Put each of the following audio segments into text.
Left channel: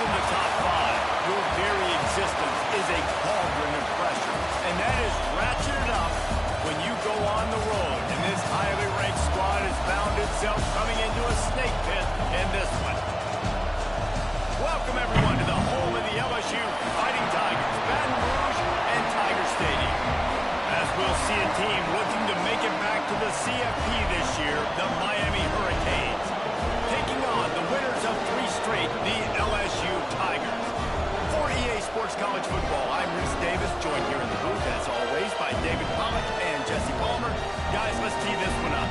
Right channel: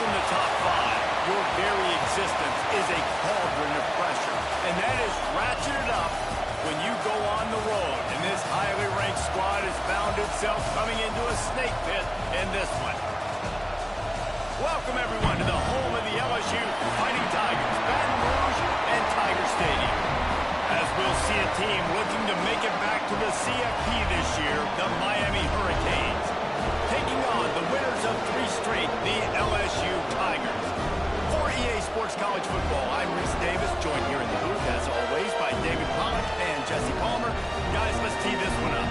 in the top five, your very existence is a cauldron of pressure. And that is ratcheted up when you go on the road. And this highly ranked squad has found itself coming into a snake pit in this one. Welcome, everyone, to the home of the LSU Fighting Tigers, Baton Rouge and Tiger Stadium. As we'll see a team looking to make it back to the CFP this year, the Miami Hurricanes, taking on the winners of 3 straight, the LSU Tigers. For EA Sports College Football, I'm Reese Davis, joined here in the booth, as always, by David Pollack and Jesse Palmer. Guys, let's tee this one up.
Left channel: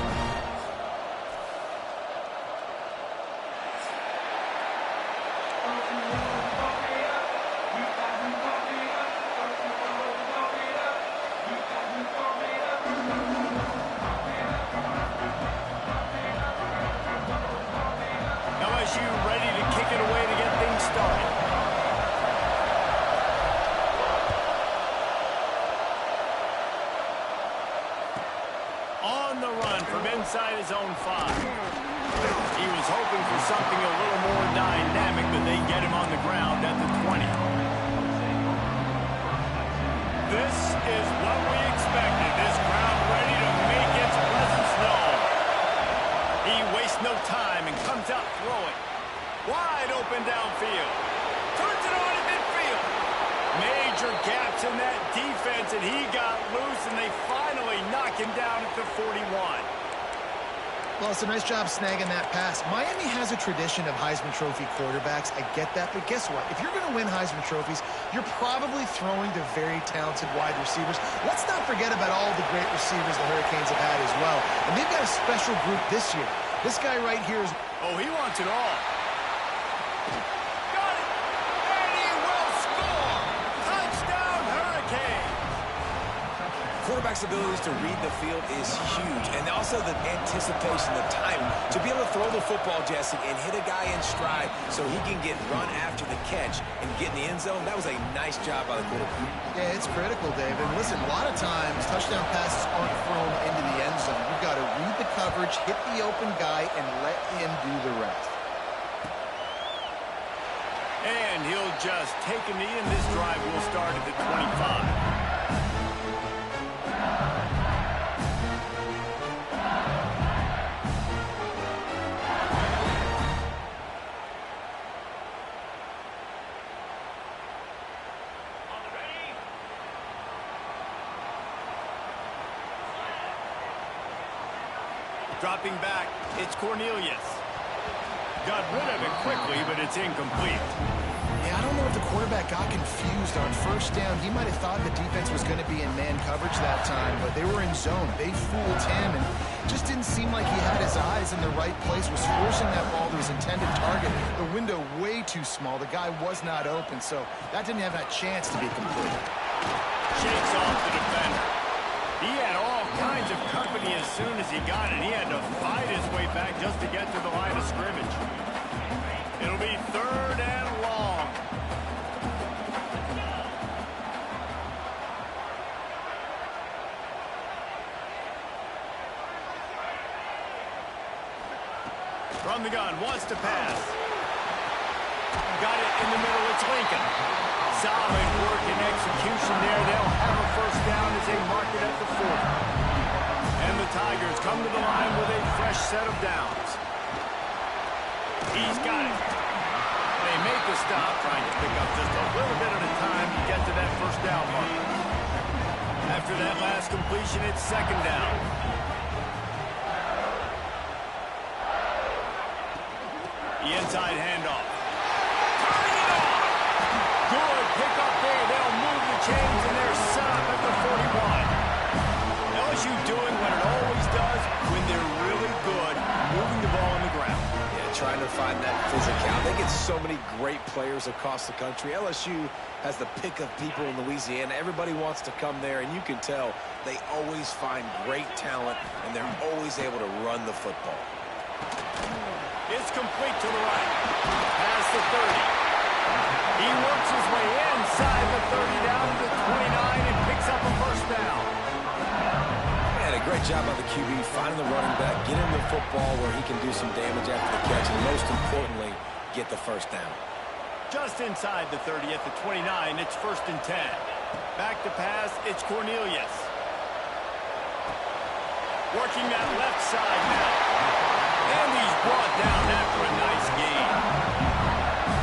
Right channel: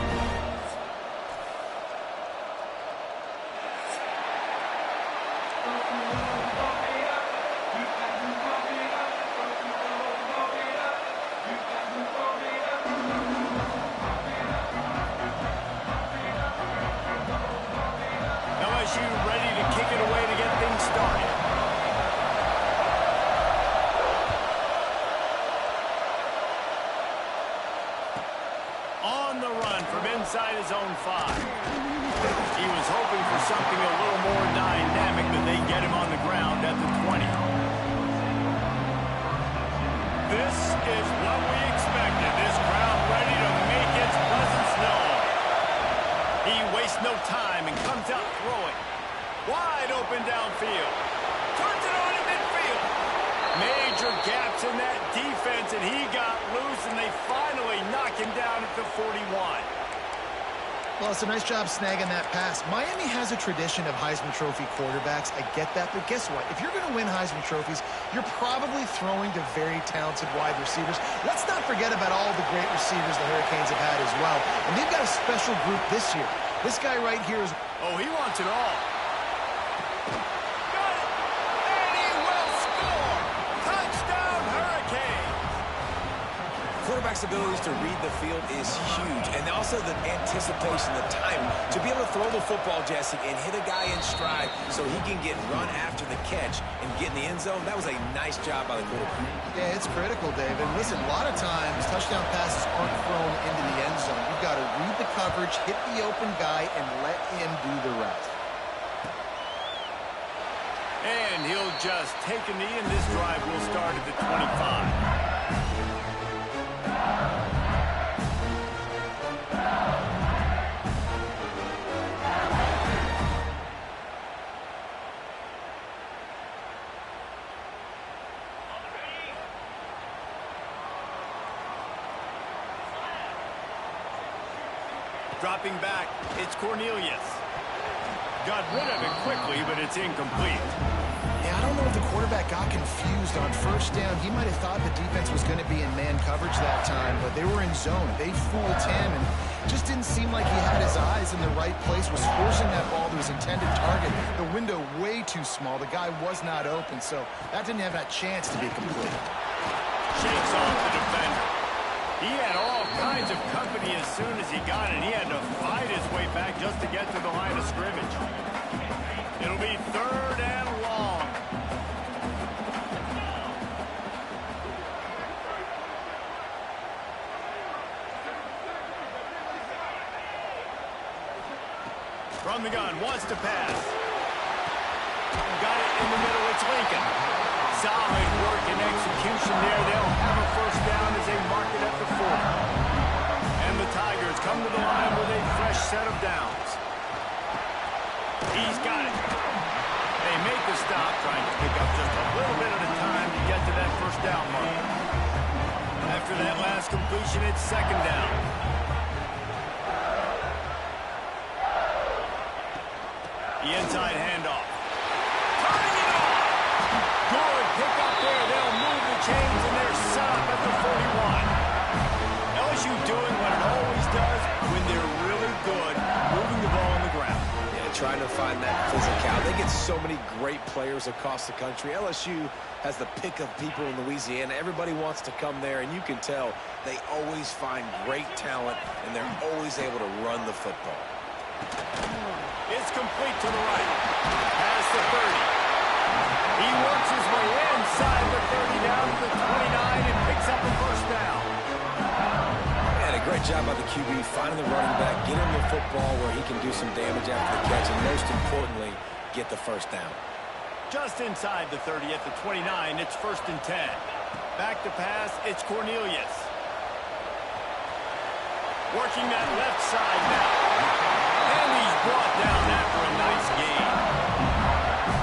LSU ready to kick it away to get things started. On the run from inside his own 5. He was hoping for something a little more dynamic, but they get him on the ground at the 20. This is what we expected. This crowd ready to make its presence known. He wastes no time and comes out throwing. Wide open downfield. Turns it on in midfield. Major gaps in that defense, and he got loose, and they finally knock him down at the 41. Well, it's a nice job snagging that pass. Miami has a tradition of Heisman Trophy quarterbacks. I get that, but guess what? If you're going to win Heisman Trophies, you're probably throwing to very talented wide receivers. Let's not forget about all the great receivers the Hurricanes have had as well. And they've got a special group this year. This guy right here is... Oh, he wants it all. Got it! And he will score! Touchdown, Hurricanes! Quarterback's abilities to read the field is huge, and also the anticipation, the time to be able to throw the football, Jesse, and hit a guy in stride so he can get run after the catch and get in the end zone. That was a nice job by the quarterback. Yeah, it's critical, Dave. And listen, a lot of times touchdown passes aren't thrown into the end zone. You've got to read the coverage, hit the open guy, and let him do the rest. And he'll just take a knee, and this drive will start at the 25. Dropping back, it's Cornelius. Got rid of it quickly, but it's incomplete. Yeah, I don't know if the quarterback got confused on first down. He might have thought the defense was going to be in man coverage that time, but they were in zone. They fooled him, and just didn't seem like he had his eyes in the right place, was forcing that ball to his intended target. The window way too small. The guy was not open, so that didn't have that chance to be complete. Shakes off the defender. He had all kinds of company as soon as he got it. He had to fight his way back just to get to the line of scrimmage. It'll be 3rd and long. From the gun, wants to pass. Got it in the middle, it's Lincoln. Solid work and execution there. They'll have a first down as they mark it at the 40. And the Tigers come to the line with a fresh set of downs. He's got it. They make the stop, trying to pick up just a little bit at a time to get to that first down marker. After that last completion, it's 2nd down. The inside handoff. Turning it on. Good pick up there. They'll move the chains, and they're set up at the 41. LSU doing what it always does when they're really good, moving the ball on the ground. Yeah, trying to find that physicality. They get so many great players across the country. LSU has the pick of people in Louisiana. Everybody wants to come there, and you can tell they always find great talent, and they're always able to run the football. It's complete to the right. Past the 30. He works his way inside the 30 down to the 29 and picks up a first down. Man, a great job by the QB finding the running back, get him the football where he can do some damage after the catch, and most importantly, get the first down. Just inside the 30 at the 29, it's 1st and 10. Back to pass, it's Cornelius. Working that left side now. And he's brought down after a nice gain.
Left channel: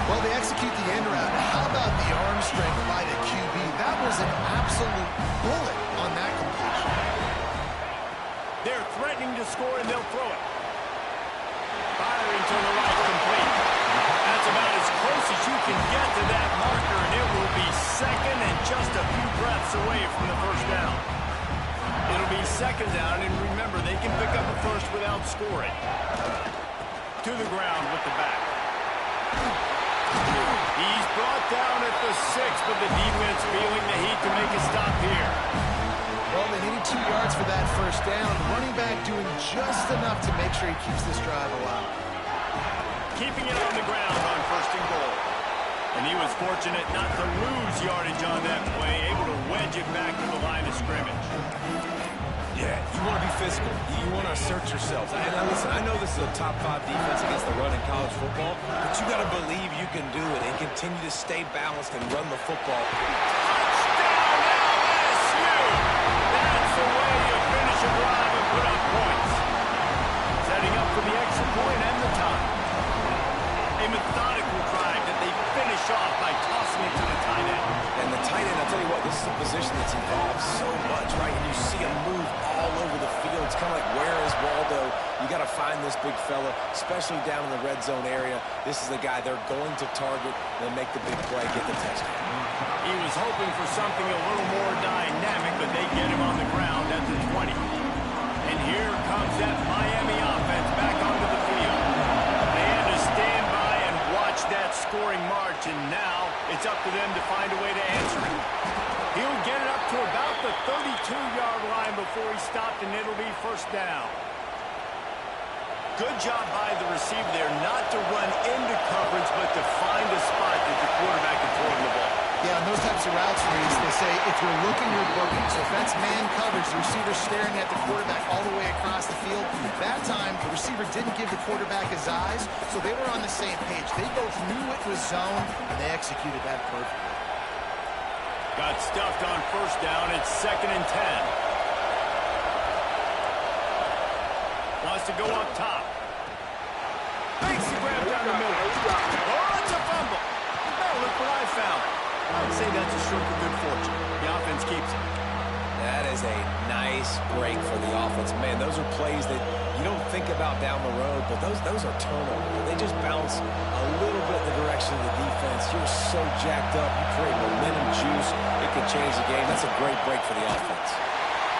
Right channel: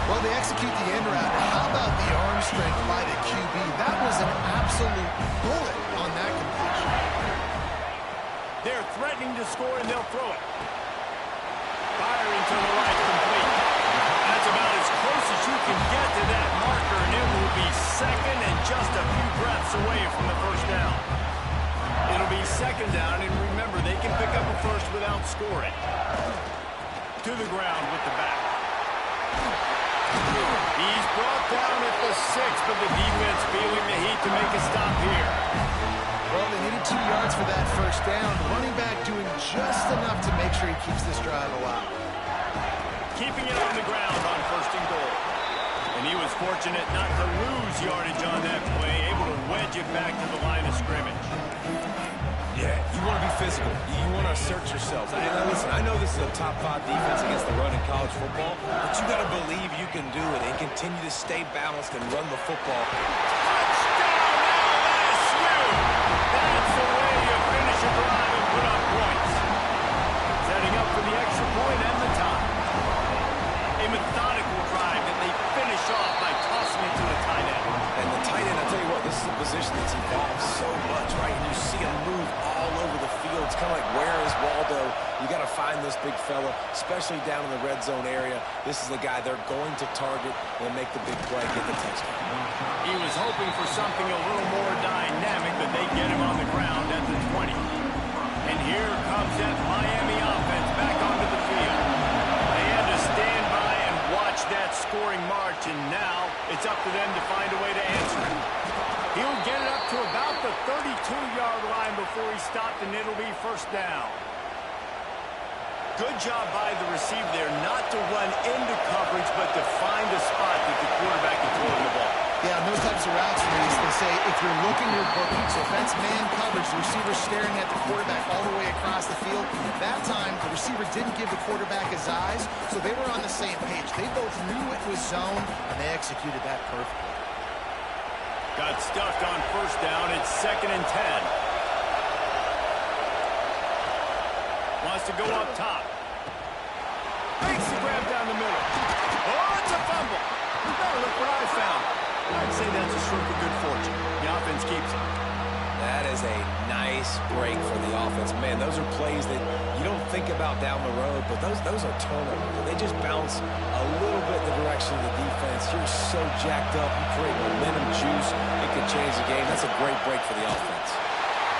Well, they execute the end route. How about the arm strength by the QB? That was an absolute bullet on that completion. They're threatening to score, and they'll throw it. Firing to the right, complete. That's about as close as you can get to that marker, and it will be second and just a few breaths away from the first down. It'll be second down, and remember, they can pick up a first without scoring. To the ground with the back. He's brought down at the 6, but the defense feeling the heat to make a stop here. Well, they needed 2 yards for that first down. The running back doing just enough to make sure he keeps this drive alive. Keeping it on the ground on 1st and goal. And he was fortunate not to lose yardage on that play, able to wedge it back to the line of scrimmage. Yeah, you want to be physical. You want to assert yourselves. And listen, I know this is a top 5 defense against the run in college football, but you got to believe you can do it and continue to stay balanced and run the football. Touchdown, LSU! That's the way you finish a drive and put up points. Setting up for the extra point and the tie. A methodical drive that they finish off by tossing it to the tight end. And the tight end, I'll tell you what, this is a position that's evolved so much, right? And you see him move all over the field. It's kind of like, where is Waldo? You got to find this big fella, especially down in the red zone area. This is the guy they're going to target and make the big play, get the touchdown. He was hoping for something a little more dynamic, but they get him on the ground at the 20. And here comes that Miami offense back onto the field. They had to stand by and watch that scoring march, and now it's up to them to find a way to answer it. He'll get it up to about the 32-yard line before he stopped, and it'll be 1st down. Good job by the receiver there not to run into coverage, but to find a spot that the quarterback can throw in the ball. Yeah, on those types of routes, Reese, they say if you're looking, you're booking. So if that's man coverage, the receiver's staring at the quarterback all the way across the field. That time, the receiver didn't give the quarterback his eyes, so they were on the same page. They both knew it was zone, and they executed that perfectly. Got stuffed on 1st down. It's 2nd and 10. Wants to go up top. Makes the grab down the middle. Oh, it's a fumble. Now look what I found. I'd say that's a stroke of good fortune. The offense keeps it. That is a nice break for the offense. Man, those are plays that you don't think about down the road, but those are turnovers. They just bounce a little bit in the direction of the defense. You're so jacked up. You create momentum juice. It could change the game. That's a great break for the offense.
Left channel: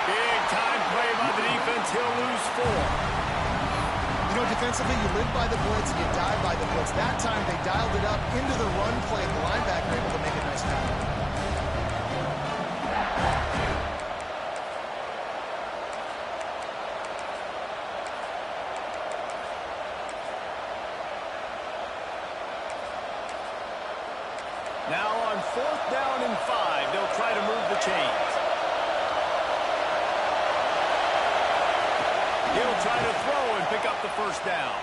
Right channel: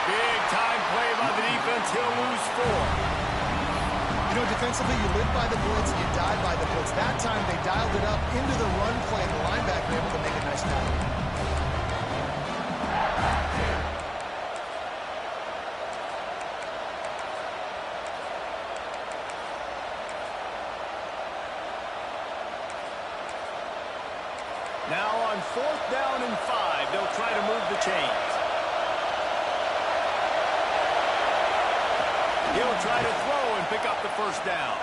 Big time play by the defense. He'll lose 4. You know, defensively, you live by the blitz and you die by the blitz. That time, they dialed it up into the run play. The linebacker able to make a nice tackle. Now on 4th down and 5, they'll try to move the chains. He'll try to throw and pick up the 1st down.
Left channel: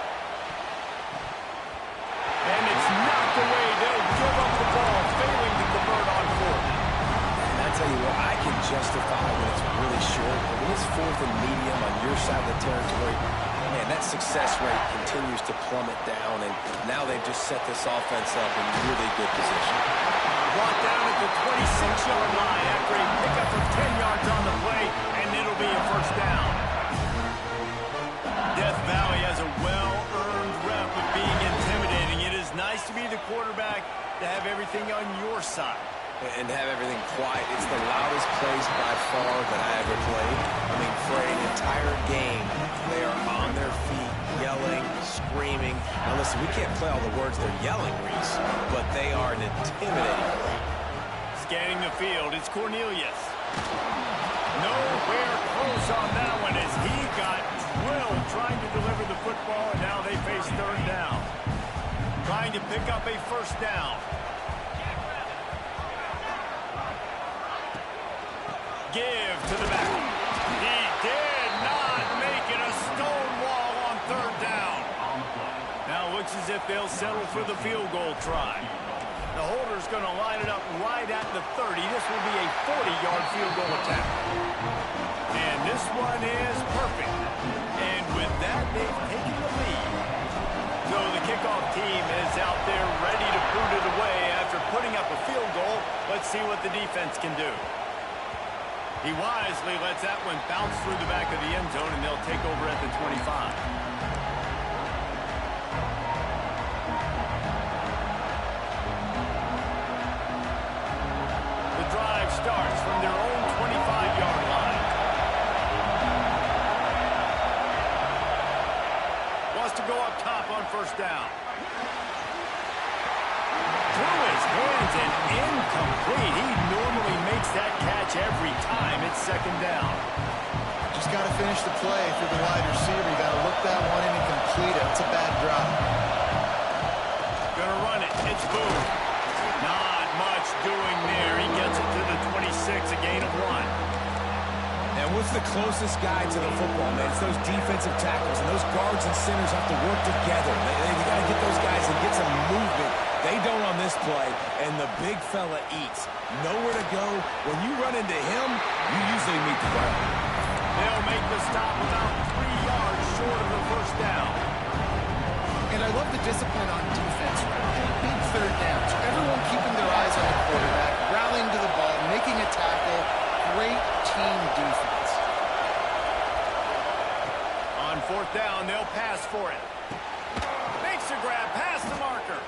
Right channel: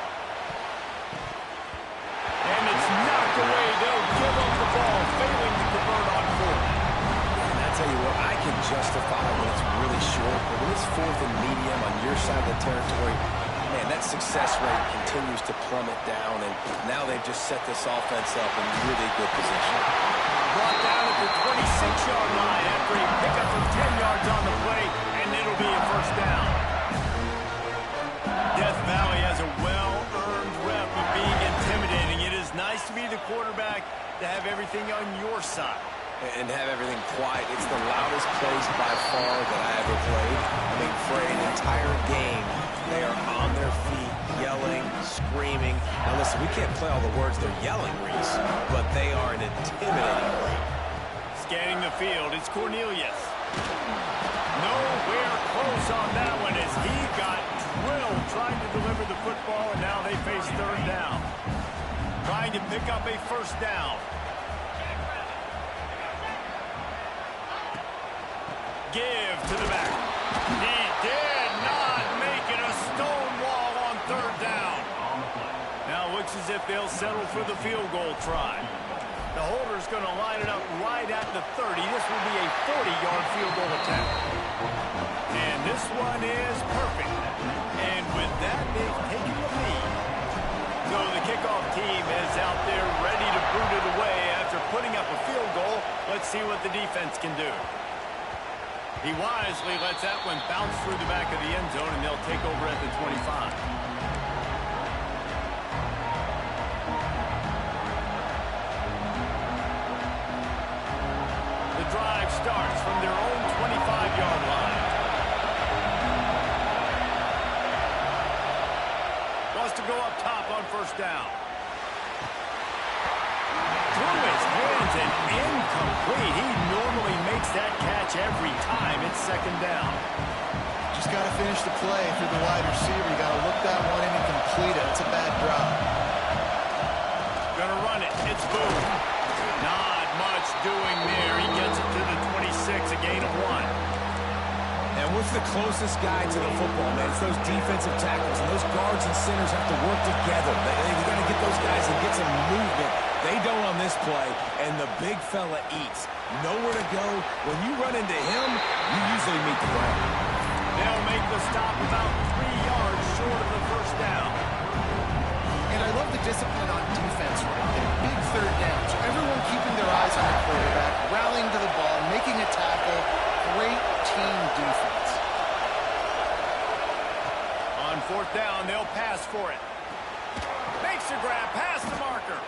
And it's knocked away. They'll give up the ball, failing to convert on 4th. And I tell you what, I can justify when it's really short, but when it's 4th and medium on your side of the territory, man, that success rate continues to plummet down, and now they've just set this offense up in really good position. Brought down at the 26-yard line after a pickup of 10 yards on the play, and it'll be a 1st down. Death Valley has a well-earned rep of being intimidating. It is nice to be the quarterback, to have everything on your side. And have everything quiet. It's the loudest place by far that I ever played. I mean, for an entire game, they are on their feet, yelling, screaming. Now listen, we can't play all the words they're yelling, Reese, but they are an intimidating group. Scanning the field, it's Cornelius. Nowhere close on that one as he got drilled trying to deliver the football, and now they face 3rd down. Trying to pick up a 1st down. Give to the back. He did not make it a stone wall on 3rd down. Now looks as if they'll settle for the field goal try. The holder's going to line it up right at the 30. This will be a 40-yard field goal attempt. And this one is perfect. And with that, they've taken the lead. So the kickoff team is out there ready to boot it away after putting up a field goal. Let's see what the defense can do. He wisely lets that one bounce through the back of the end zone, and they'll take over at the 25. The drive starts from their own 25-yard line. Wants to go up top on first down. Through his hands and incomplete. He normally makes that catch every time. It's second down. Just got to finish the play through the wide receiver. You got to look that one in and complete it. It's a bad drop. Gonna run it. It's Boone. Not much doing there. He gets it to the 26, a gain of 1. And what's the closest guy to the football, man? It's those defensive tackles, and those guards and centers have to work together. They got to get those guys and get some movement. They don't on this play, and the big fella eats. Nowhere to go. When you run into him, you usually meet the ground. They'll make the stop about 3 yards short of the first down. And I love the discipline on defense right there. Big third down. So everyone keeping their eyes on the quarterback, rallying to the ball, making a tackle. Great team defense. On fourth down, they'll pass for it. Makes a grab past the marker.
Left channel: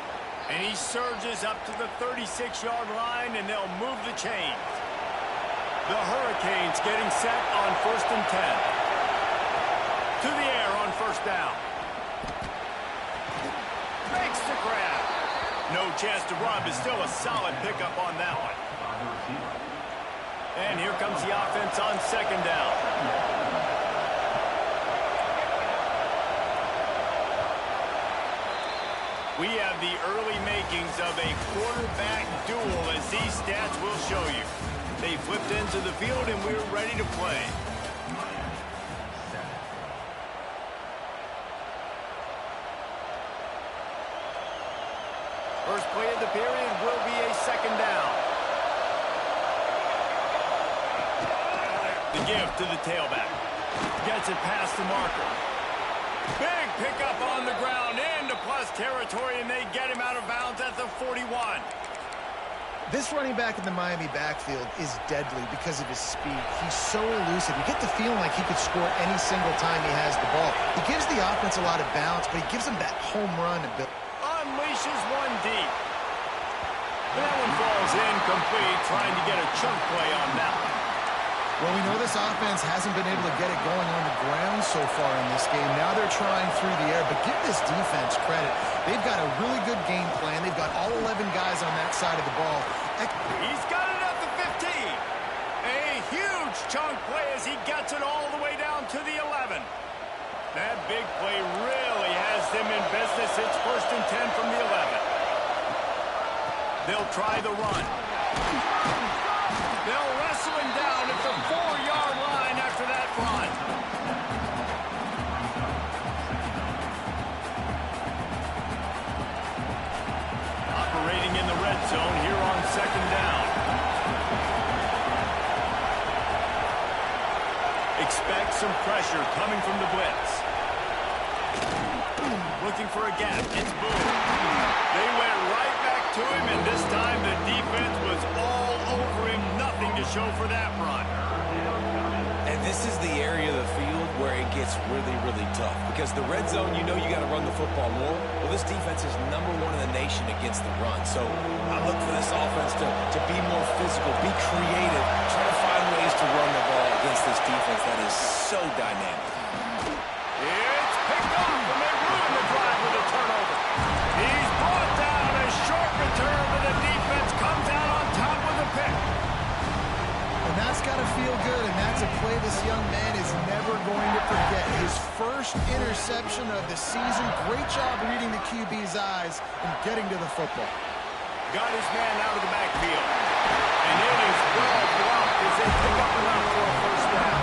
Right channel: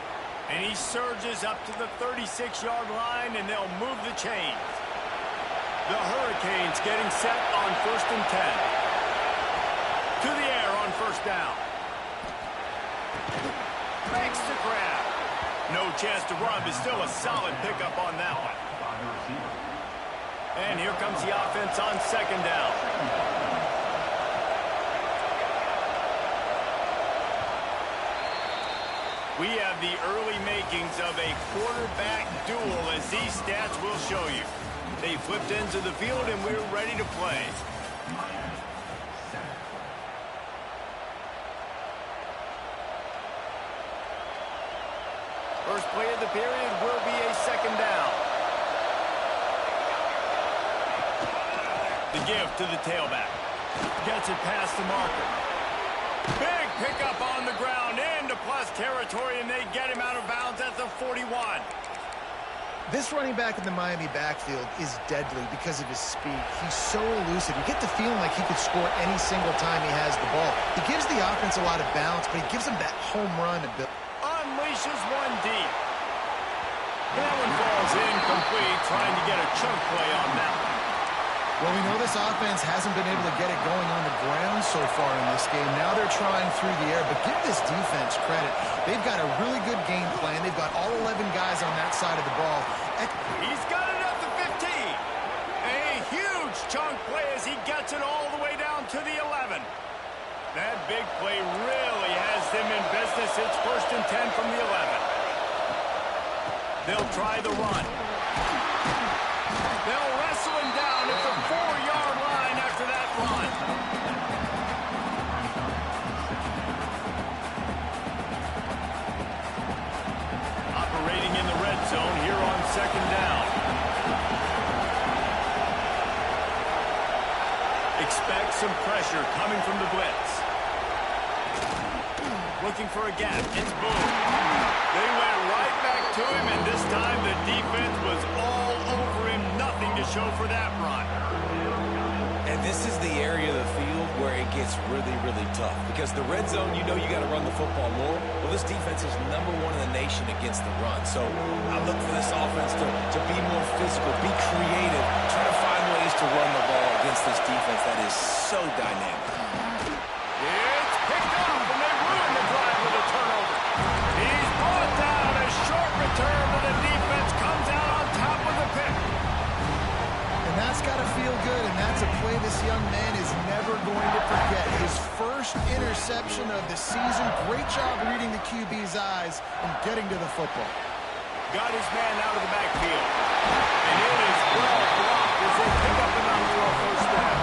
And he surges up to the 36-yard line, and they'll move the chains. The Hurricanes getting set on 1st and 10. To the air on first down. Makes the grab. No chance to run, but still a solid pickup on that one. And here comes the offense on second down. We have the early makings of a quarterback duel, as these stats will show you. They flipped into the field, and we're ready to play. First play of the period will be a second down. The give to the tailback. Gets it past the marker. Big pickup on the ground into plus territory, and they get him out of bounds at the 41. This running back in the Miami backfield is deadly because of his speed. He's so elusive. You get the feeling like he could score any single time he has the ball. He gives the offense a lot of balance, but he gives them that home run ability. Unleashes one deep. That one falls incomplete, trying to get a chunk play on that one. Well, we know this offense hasn't been able to get it going on the ground so far in this game. Now they're trying through the air, but give this defense credit. They've got a really good game plan. They've got all 11 guys on that side of the ball. He's got it at the 15. A huge chunk play as he gets it all the way down to the 11. That big play really has them in business. It's 1st and 10 from the 11. They'll try the run. They'll wrestle him down at the 4-yard line after that run. Operating in the red zone here on second down. Expect some pressure coming from the blitz. Looking for a gap. It's Boone. They went right back to him, and this time the defense was all over him. Nothing to show for that run. And this is the area of the field where it gets really, really tough. Because the red zone, you know you got to run the football more. Well, this defense is #1 in the nation against the run. So I look for this offense to be more physical, be creative, try to find ways to run the ball against this defense that is so dynamic. It's picked off, and they ruin the drive with a turnover. He's brought down. A short return, but the defense comes out on top with a pick. And that's got to feel good, and that's a play this young man is never going to forget. His first interception of the season. Great job reading the QB's eyes and getting to the football. Got his man out of the backfield. And it is well blocked as they pick up enough for a first down.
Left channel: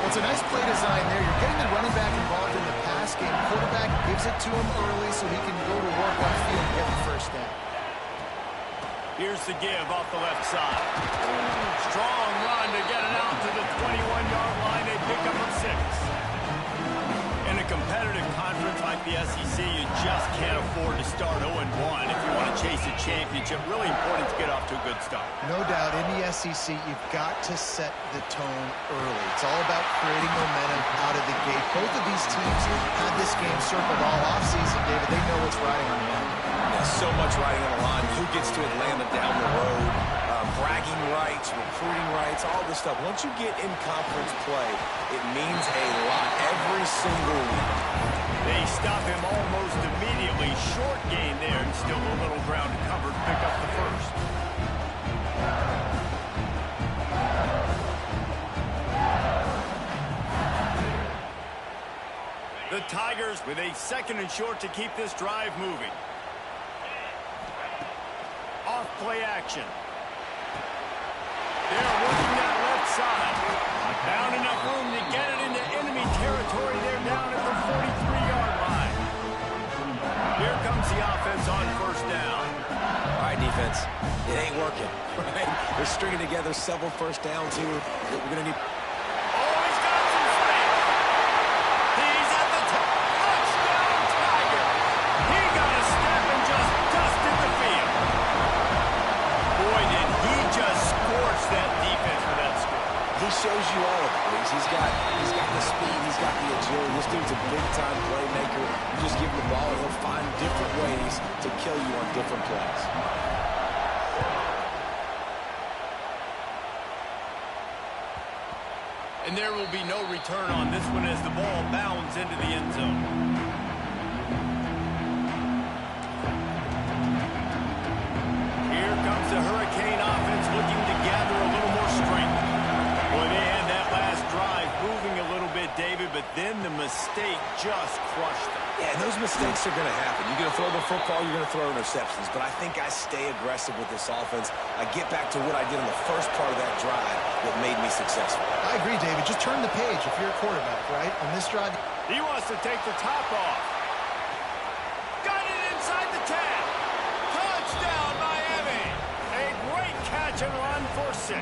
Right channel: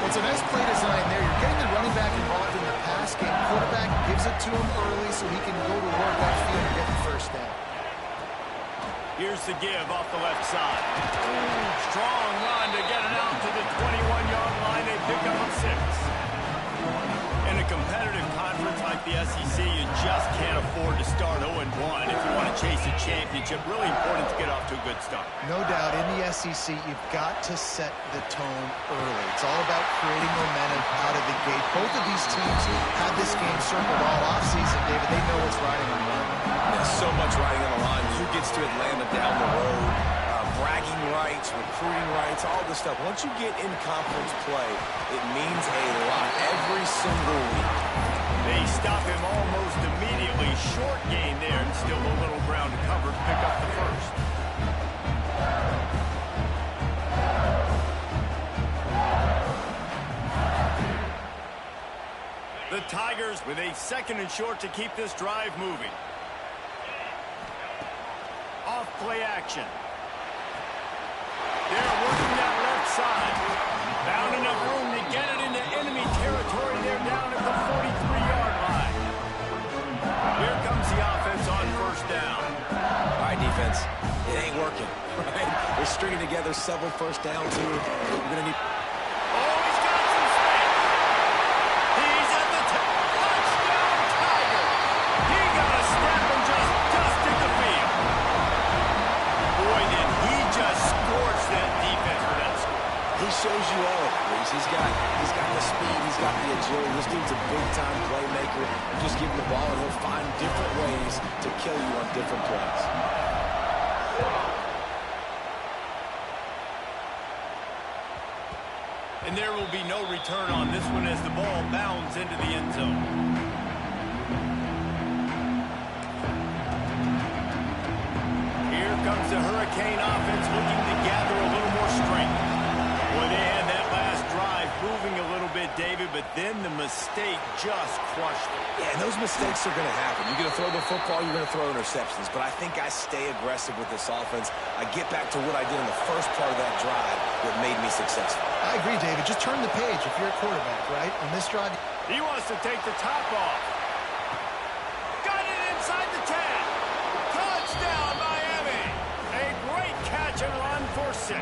Well, it's a nice play design there. You're getting the running back involved in the pass game. Quarterback gives it to him early so he can go to work upfield and get the first down. Here's the give off the left side. Strong run to get it out to the 21-yard line. They pick up a 6. In a competitive conference like the SEC, you just can't afford to start 0-1 if you want to chase a championship. Really important to get off to a good start. No doubt, in the SEC, you've got to set the tone early. It's all about creating momentum out of the gate. Both of these teams had this game circled all offseason, David. They know what's riding on the line. Yeah, so much riding on the line. Who gets to Atlanta down the road? Bragging rights, recruiting rights, all this stuff. Once you get in conference play, it means a lot every single week. They stop him almost immediately. Short gain there, and still a little ground to cover to pick up the first. The Tigers with a 2nd and short to keep this drive moving. Off play action. They're working that left side. Found enough room to get it into enemy territory. They're down at the 43-yard line. Here comes the offense on first down. All right, defense. It ain't working, right? They're stringing together several first downs here. We're going to need... Oh, he's got some space. He's at the touchdown, Tiger. He got a step and just dusted the field. Boy, did he just scorch that defense for that score. He shows you all of it, Reese. He's got the speed. He's got the agility. This dude's a big-time playmaker. You just give him the ball, and he'll find different ways to kill you on different plays. And there will be no return on this one as the ball bounds into the end zone. Comes the Hurricane offense looking to gather a little more strength. Boy, they had that last drive moving a little bit, David, but then the mistake just crushed them. Yeah, and those mistakes are going to happen. You're going to throw the football, you're going to throw interceptions, but I think I stay aggressive with this offense. I get back to what I did in the first part of that drive that made me successful. I agree, David. Just turn the page if you're a quarterback, right? On this drive. He wants to take the top off. Got it inside the 10. Touchdown, Miami. A great catch and run for 6.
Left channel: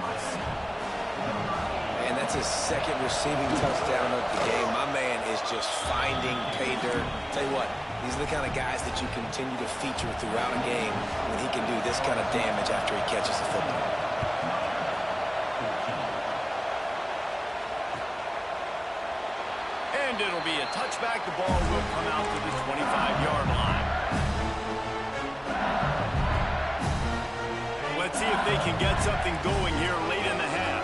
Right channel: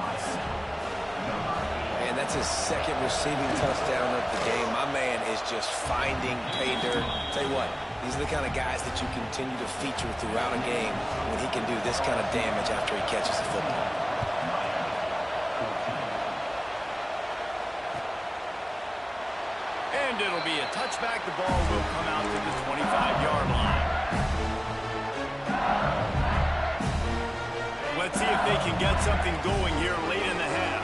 And that's his 2nd receiving touchdown of the game. My man is just finding pay dirt. Tell you what, these are the kind of guys that you continue to feature throughout a game when he can do this kind of damage after he catches the football. And it'll be a touchback. The ball will come out to the 25-yard line. Let's see if they can get something going here late in the half.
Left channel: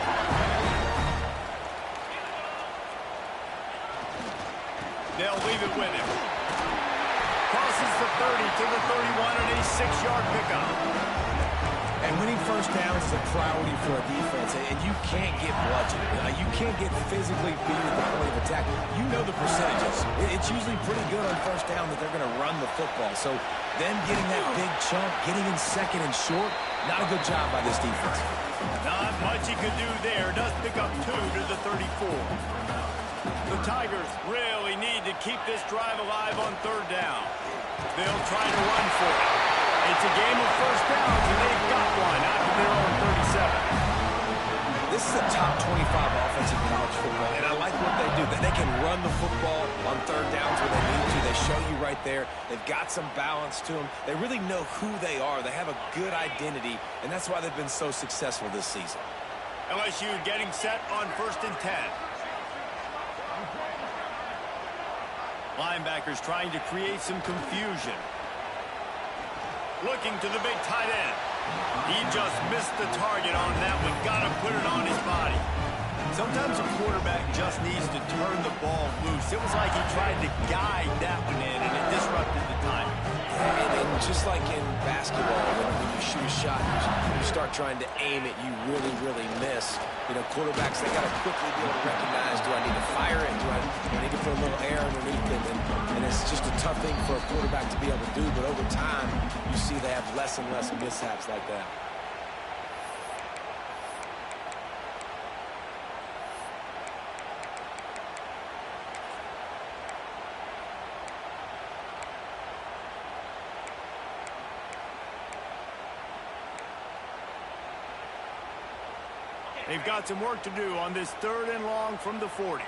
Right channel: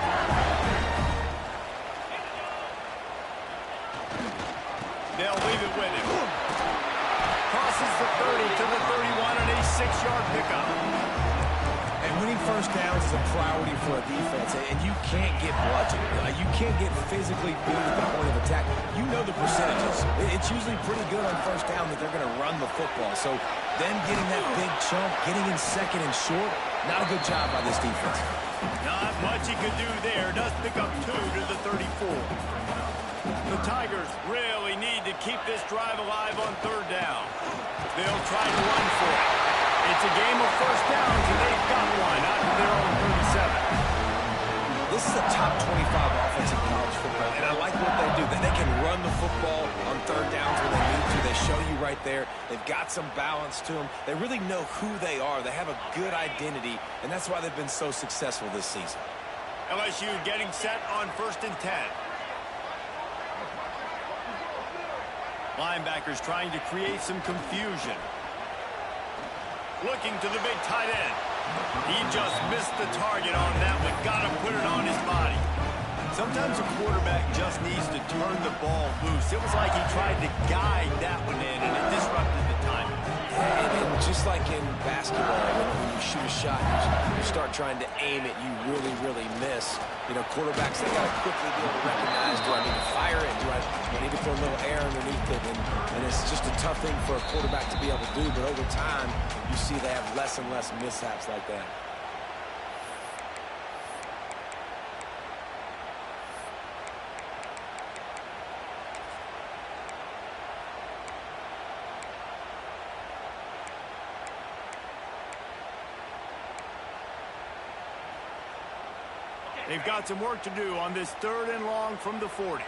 They'll leave it with him. Crosses the 30 to the 31 and a 6-yard pickup. And winning first downs is a priority for a defense, and you can't get bludgeoned. You can't get physically beat at the point of attack. You know the percentages. It's usually pretty good on first down that they're going to run the football. So them getting that big chunk, getting in 2nd and short, not a good job by this defense. Not much he could do there. Does pick up 2 to the 34. The Tigers really need to keep this drive alive on 3rd down. They'll try to run for it. It's a game of first downs, and they've got one out of their own 37. This is a top 25 offense in college football, and I like what they do. They can run the football on 3rd downs when they need to. They show you right there. They've got some balance to them. They really know who they are. They have a good identity, and that's why they've been so successful this season. LSU getting set on 1st and 10. Linebackers trying to create some confusion. Looking to the big tight end. He just missed the target on that one. Got to put it on his body. Sometimes a quarterback just needs to turn the ball loose. It was like he tried to guide that one in, and it disrupted the timing. And just like in basketball, when you shoot a shot, you start trying to aim it, you really, really miss. You know, quarterbacks, they got to quickly be able to recognize, do I need to fire it? Do I need to put a little air underneath it? And it's just a tough thing for a quarterback to be able to do. But over time, you see they have less and less mishaps like that. They've got some work to do on this 3rd and long from the 40.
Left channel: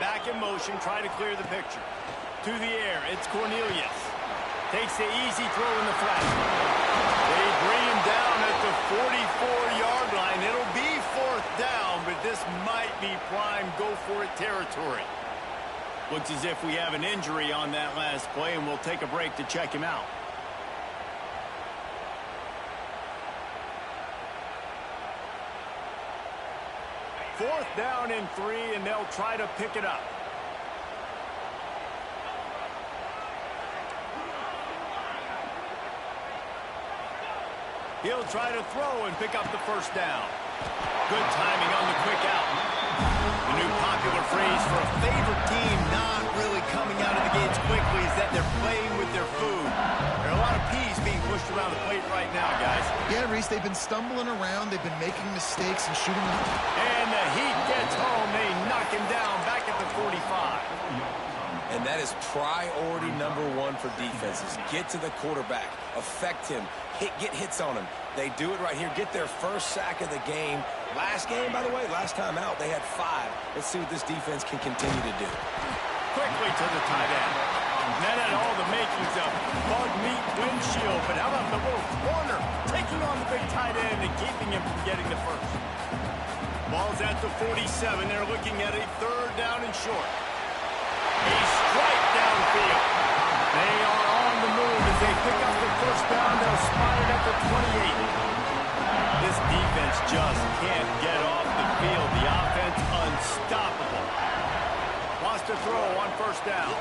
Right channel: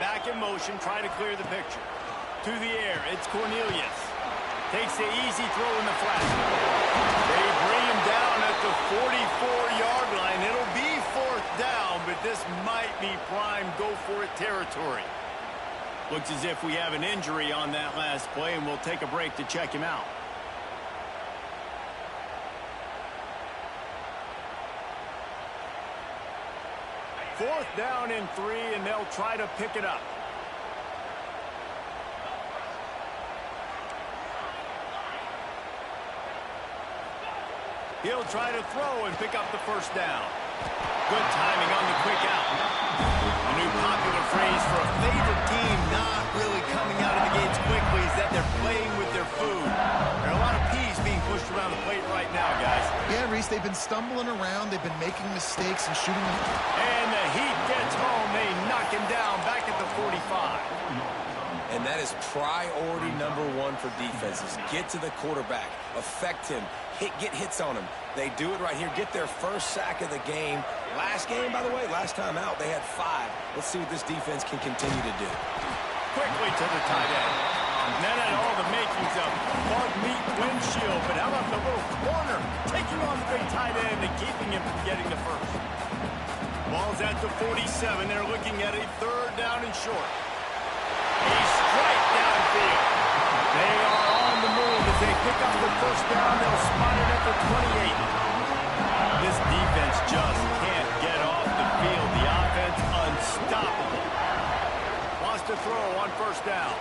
Back in motion, try to clear the picture. To the air, it's Cornelius. Takes the easy throw in the flat. They bring him down at the 44-yard line. It'll be 4th down, but this might be prime go-for-it territory. Looks as if we have an injury on that last play, and we'll take a break to check him out. Fourth down and 3, and they'll try to pick it up. He'll try to throw and pick up the 1st down. Good timing on the quick out. The new popular phrase for a favorite team not really coming out of the gates quickly is that they're playing with their food. There are a lot of peas being pushed around the plate right now, guys. Yeah, Reese, they've been stumbling around. They've been making mistakes and shooting them. And the heat gets home. They knock him down back at the 45. And that is priority #1 for defenses. Get to the quarterback. Affect him. Get hits on him. They do it right here. Get their 1st sack of the game. Last game, by the way, last time out, they had 5. Let's see what this defense can continue to do. Quickly to the tight end. That had all the makings of bug meat windshield, but how about the little corner taking on the big tight end and keeping him from getting the 1st? Ball's at the 47. They're looking at a 3rd down and short. A strike downfield. They are on the move as they pick up the 1st down. They'll spot it at the 28. This defense just can't get off the field. The offense unstoppable. Wants to throw on 1st down.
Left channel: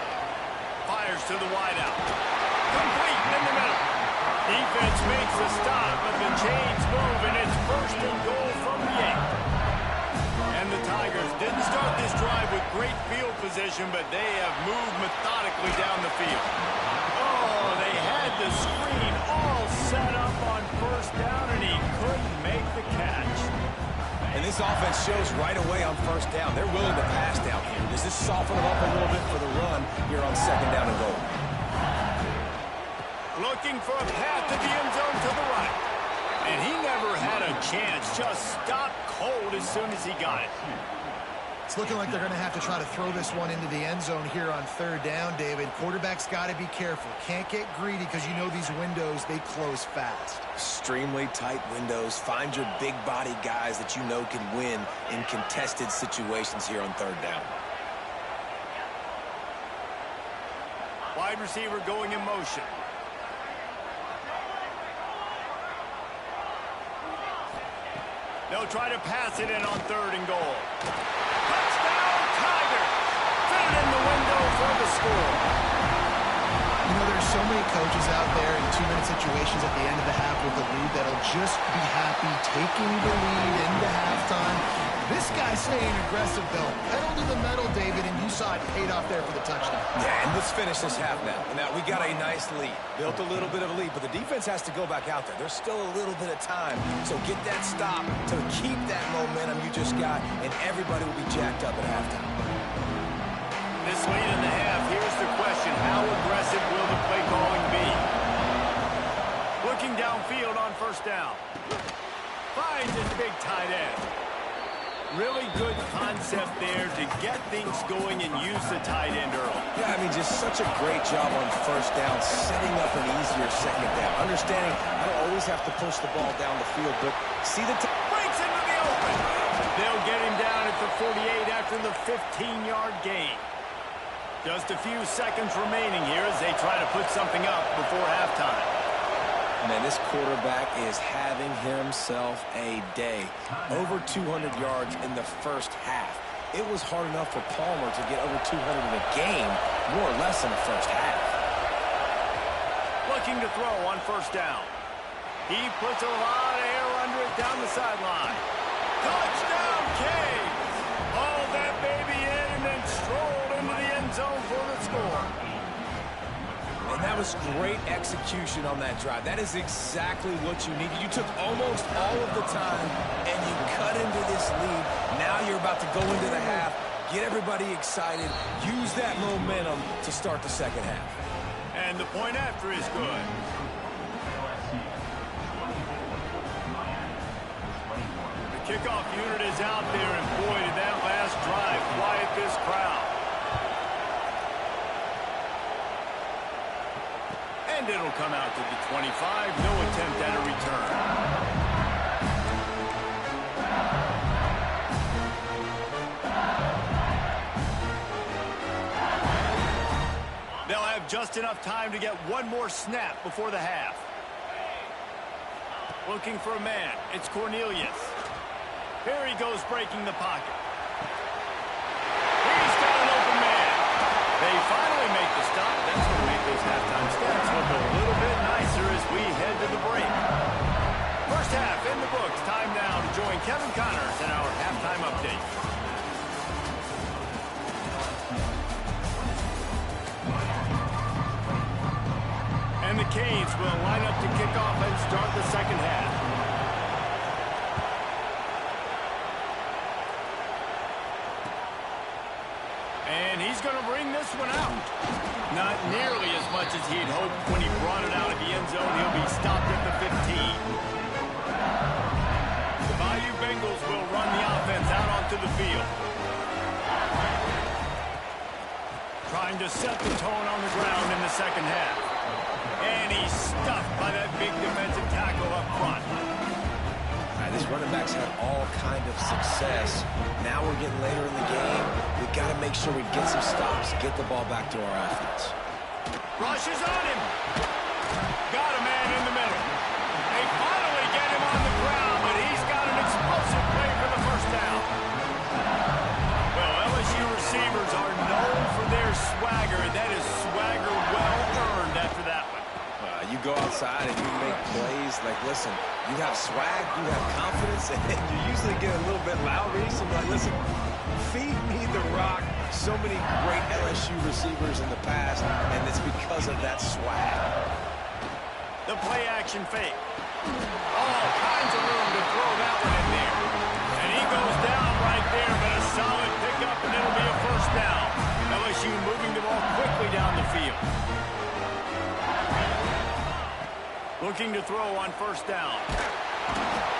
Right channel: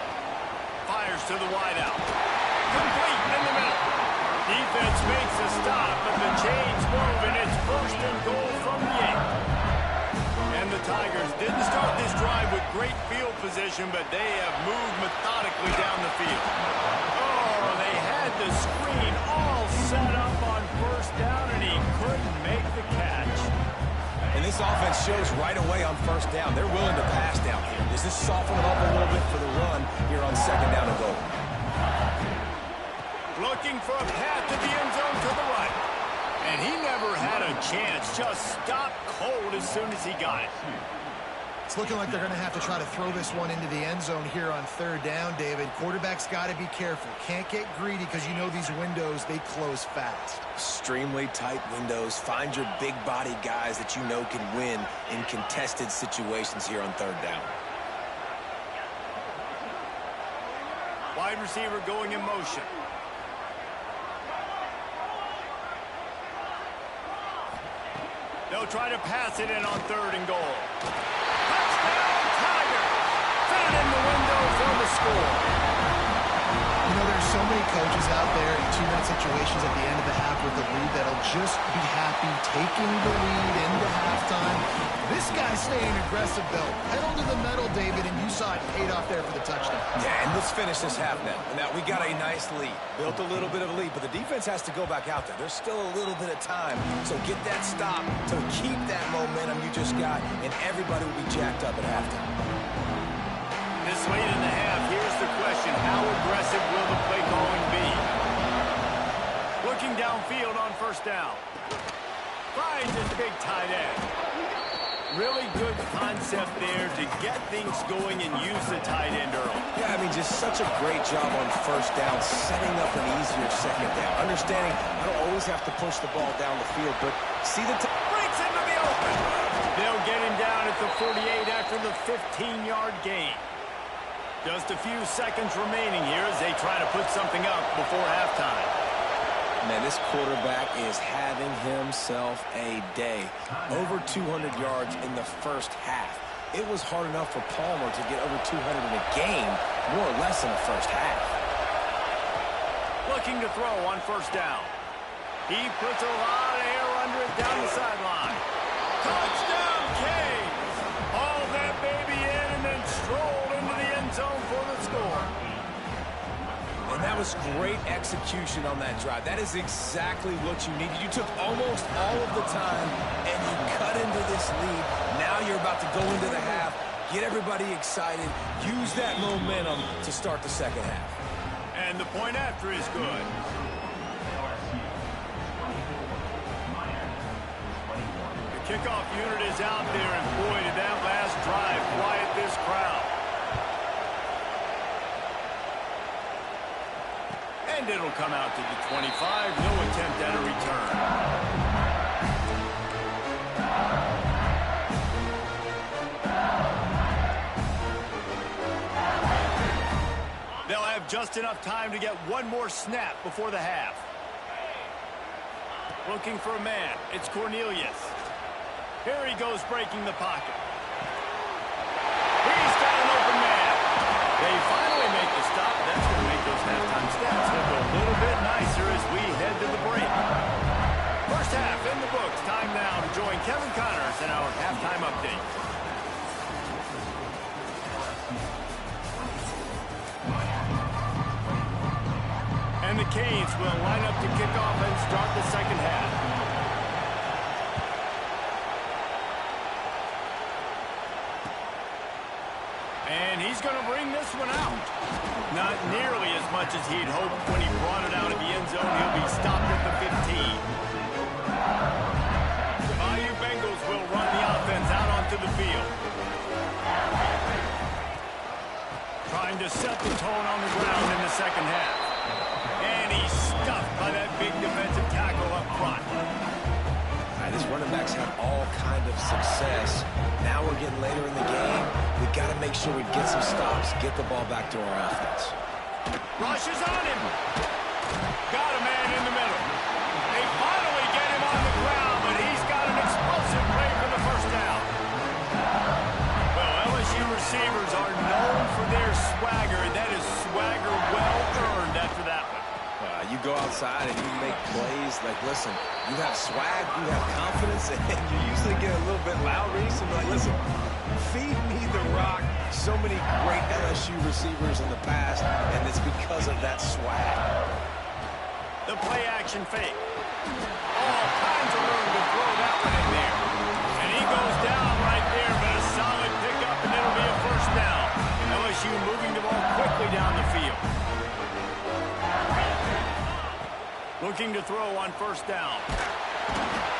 Fires to the wideout. Complete in the middle. Defense makes a stop, but the chains move, and it's 1st and goal from the 8. And the Tigers didn't start this drive with great field position, but they have moved methodically down the field. Oh, they had the screen all set up on 1st down, and he couldn't make the catch. And this offense shows right away on 1st down. They're willing to pass down here. Does this soften them up a little bit for the run here on 2nd down and goal? Looking for a path to the end zone to the right. And he never had a chance. Just stopped cold as soon as he got it. It's looking like they're going to have to try to throw this one into the end zone here on 3rd down, David. Quarterback's got to be careful. Can't get greedy because you know these windows, they close fast. Extremely tight windows. Find your big body guys that you know can win in contested situations here on 3rd down. Wide receiver going in motion. They'll try to pass it in on 3rd and goal. Touchdown, Tigers! Fit it in the window for the score. You know, there's so many coaches out there in 2-minute situations at the end of the half with the lead that'll just be happy taking the lead into halftime. This guy's staying aggressive, though. Pedal to the metal, David, and you saw it paid off there for the touchdown. Yeah, and let's finish this half now. Now, we got a nice lead. Built a little bit of a lead, but the defense has to go back out there. There's still a little bit of time. So get that stop to keep that momentum you just got, and everybody will be jacked up at halftime. This late in the half, here's the question. How aggressive will the play calling be? Looking downfield on 1st down. Finds his big tight end. Really good concept there to get things going and use the tight end early. Yeah, I mean, just such a great job on 1st down, setting up an easier 2nd down. Understanding I don't always have to push the ball down the field, but see the breaks into the open. They'll get him down at the 48 after the 15-yard gain. Just a few seconds remaining here as they try to put something up before halftime. Man, this quarterback is having himself a day. Over 200 yards in the 1st half. It was hard enough for Palmer to get over 200 in a game, more or less in the 1st half. Looking to throw on 1st down. He puts a lot of air under it down the sideline. Touchdown, Canes! Hauled that baby in and then strolled into the end zone for the score. And that was great execution on that drive. That is exactly what you needed. You took almost all of the time, and you cut into this lead. Now you're about to go into the half, get everybody excited, use that momentum to start the 2nd half. And the point after is good. Kickoff unit is out there, and boy, did that last drive quiet this crowd. And it'll come out to the 25. No attempt at a return. They'll have just enough time to get one more snap before the half. Looking for a man. It's Cornelius. Here he goes breaking the pocket. He's got an open man. They finally make the stop. That's going to make those halftime stats look a little bit nicer as we head to the break. First half in the books. Time now to join Kevin Connors in our halftime update. And the Canes will line up to kick off and start the second half. And he's going to bring this one out. Not nearly as much as he'd hoped when he brought it out of the end zone. He'll be stopped at the 15. The Bayou Bengals will run the offense out onto the field. Trying to set the tone on the ground in the second half. And he's stuffed by that big defensive tackle up front. These running backs had all kind of success. Now we're getting later in the game. We got to make sure we get some stops, get the ball back to our offense. Rushes on him. Got a man in the middle. They finally get him on the ground, but he's got an explosive play for the first down. Well, LSU receivers are known for their swagger, and that is swagger well earned after that one. You go outside and you make plays. Like, listen, you have swag, you have confidence, and you usually get a little bit loud. So like, listen, feed me the rock. So many great LSU receivers in the past, and it's because of that swag. The play action fake. All kinds of room to throw that one in there. And he goes down right there, but a solid pickup, and it'll be a first down. LSU moving the ball quickly down the field. Looking to throw on first down.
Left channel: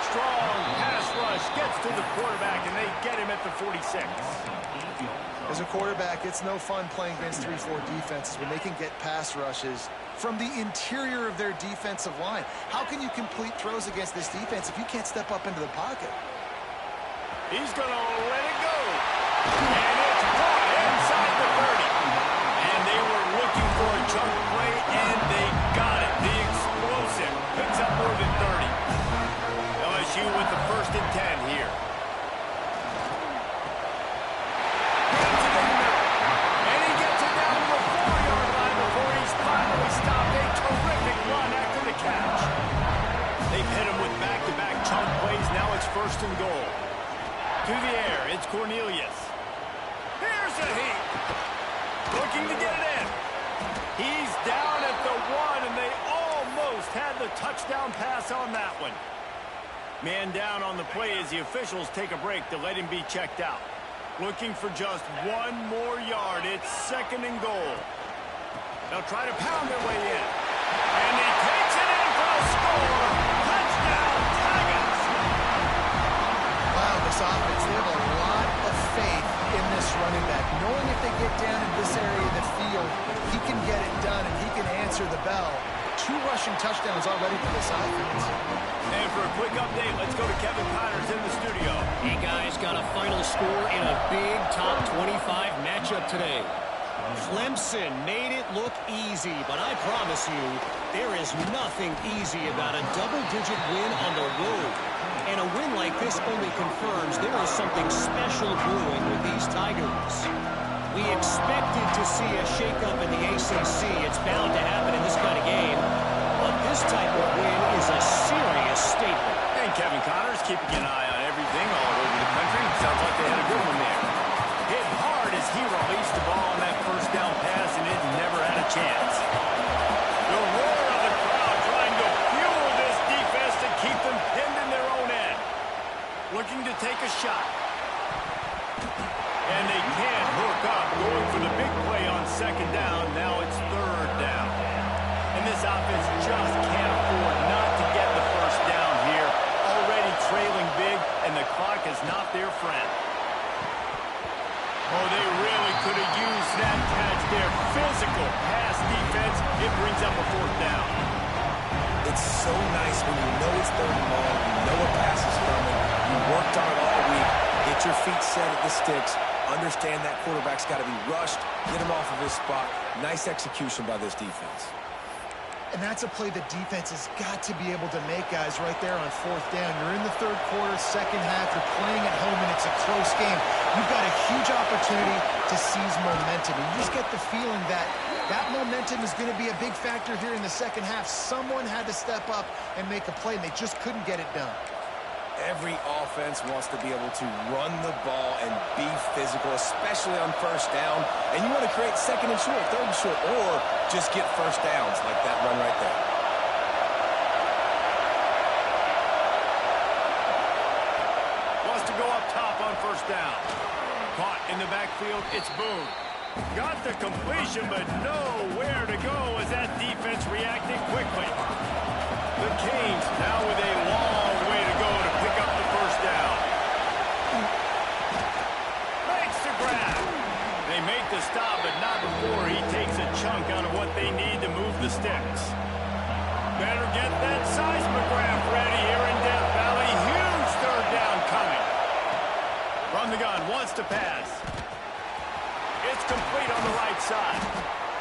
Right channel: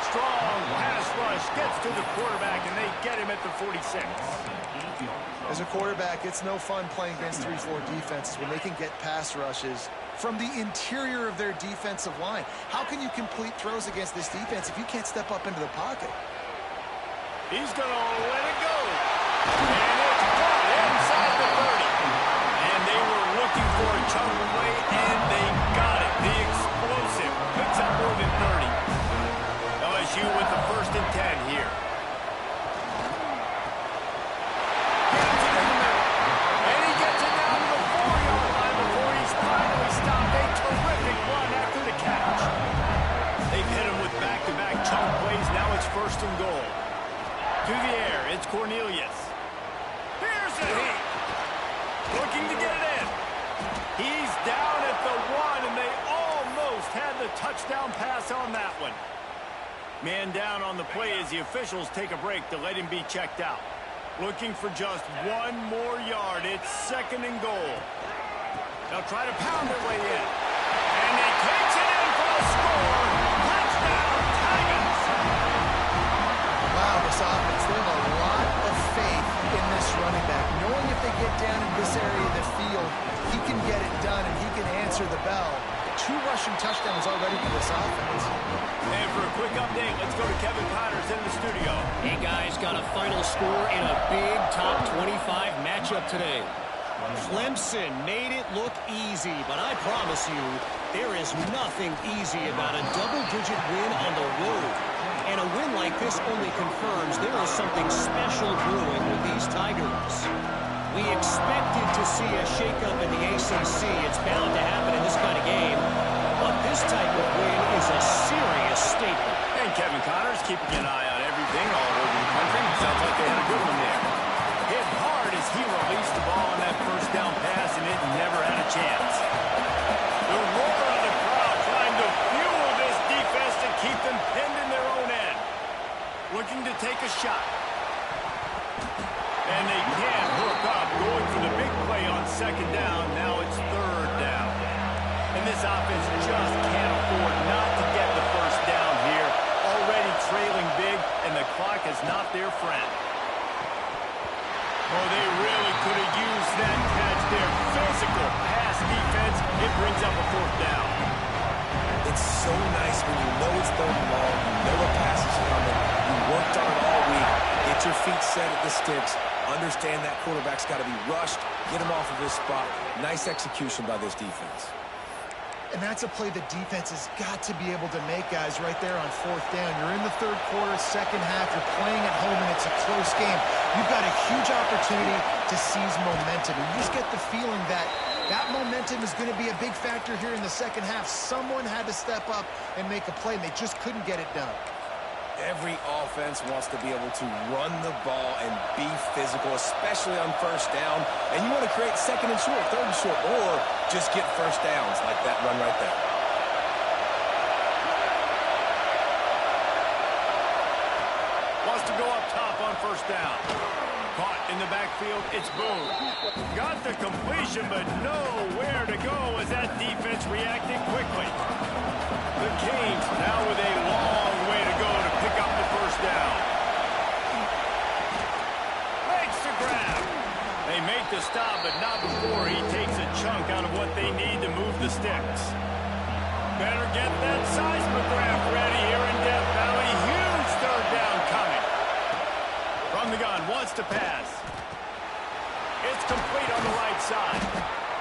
Strong pass rush gets to the quarterback, and they get him at the 46. As a quarterback, it's no fun playing against 3-4 defenses when they can get pass rushes from the interior of their defensive line. How can you complete throws against this defense if you can't step up into the pocket? He's going to let it go. And it's caught inside the 30. And they were looking for a chunk play, and they got it. The explosive picks up more than 30. LSU with the 1st and 10 here. Grabs it in the middle. And he gets it down to the 4-yard line before he's finally stopped. A terrific run after the catch. They've hit him with back-to-back chunk plays. Now it's 1st and goal. To the air, it's Cornelius. Here's a heat. Looking to get it in. He's down at the 1, and they almost had the touchdown pass on that one. Man down on the play as the officials take a break to let him be checked out. Looking for just 1 more yard. It's 2nd and goal. They'll try to pound their way in. And he takes it in for the score. Touchdown, Tigers! Wow, this offense, they have a lot of faith in this running back, knowing if they get down in this area of the field, he can get it done and he can answer the bell. 2 rushing touchdowns already for this offense. And for a quick update, let's go to Kevin Connors in the studio. Hey guys, got a final score in a big top 25 matchup today. Clemson made it look easy, but I promise you, there is nothing easy about a double-digit win on the road. And a win like this only confirms there is something special brewing with these Tigers. We expected to see a shakeup in the ACC. It's bound to happen in this kind of game. But this type of win is a serious statement. And Kevin Connors keeping an eye on everything all over the country. Sounds like they had a good one there. Hit hard as he released the ball on that first down pass, and it never had a chance. The roar of the crowd trying to fuel this defense to keep them pinned in their own end. Looking to take a shot. And they can't hook up, going for the big play on 2nd down. Now it's 3rd down. And this offense just can't afford not to get the first down here. Already trailing big, and the clock is not their friend. Oh, they really could have used that catch there. Physical pass defense. It brings up a fourth down. It's so nice when you know it's third and long, you know a pass is coming, you worked on it all week, get your feet set at the sticks, understand that quarterback's got to be rushed, get him off of his spot. Nice execution by this defense. And that's a play the defense has got to be able to make, guys, right there on fourth down. You're in the third quarter, second half. You're playing at home, and it's a close game. You've got a huge opportunity to seize momentum. And you just get the feeling that that momentum is going to be a big factor here in the second half. Someone had to step up and make a play, and they just couldn't get it done. Every offense wants to be able to run the ball and be physical, especially on first down. And you want to create second and short, third and short, or just get first downs like that run right there. Wants to go up top on first down. Caught in the backfield, it's Boone. Got the completion, but nowhere to go as that defense reacted quickly. The Canes now with a long way to go to pick up the first down. Makes the grab. They make the stop, but not before he takes a chunk out of what they need to move the sticks. Better get that seismograph ready here in Death Valley. Huge third down coming. From the gun, wants to pass. It's complete on the right side.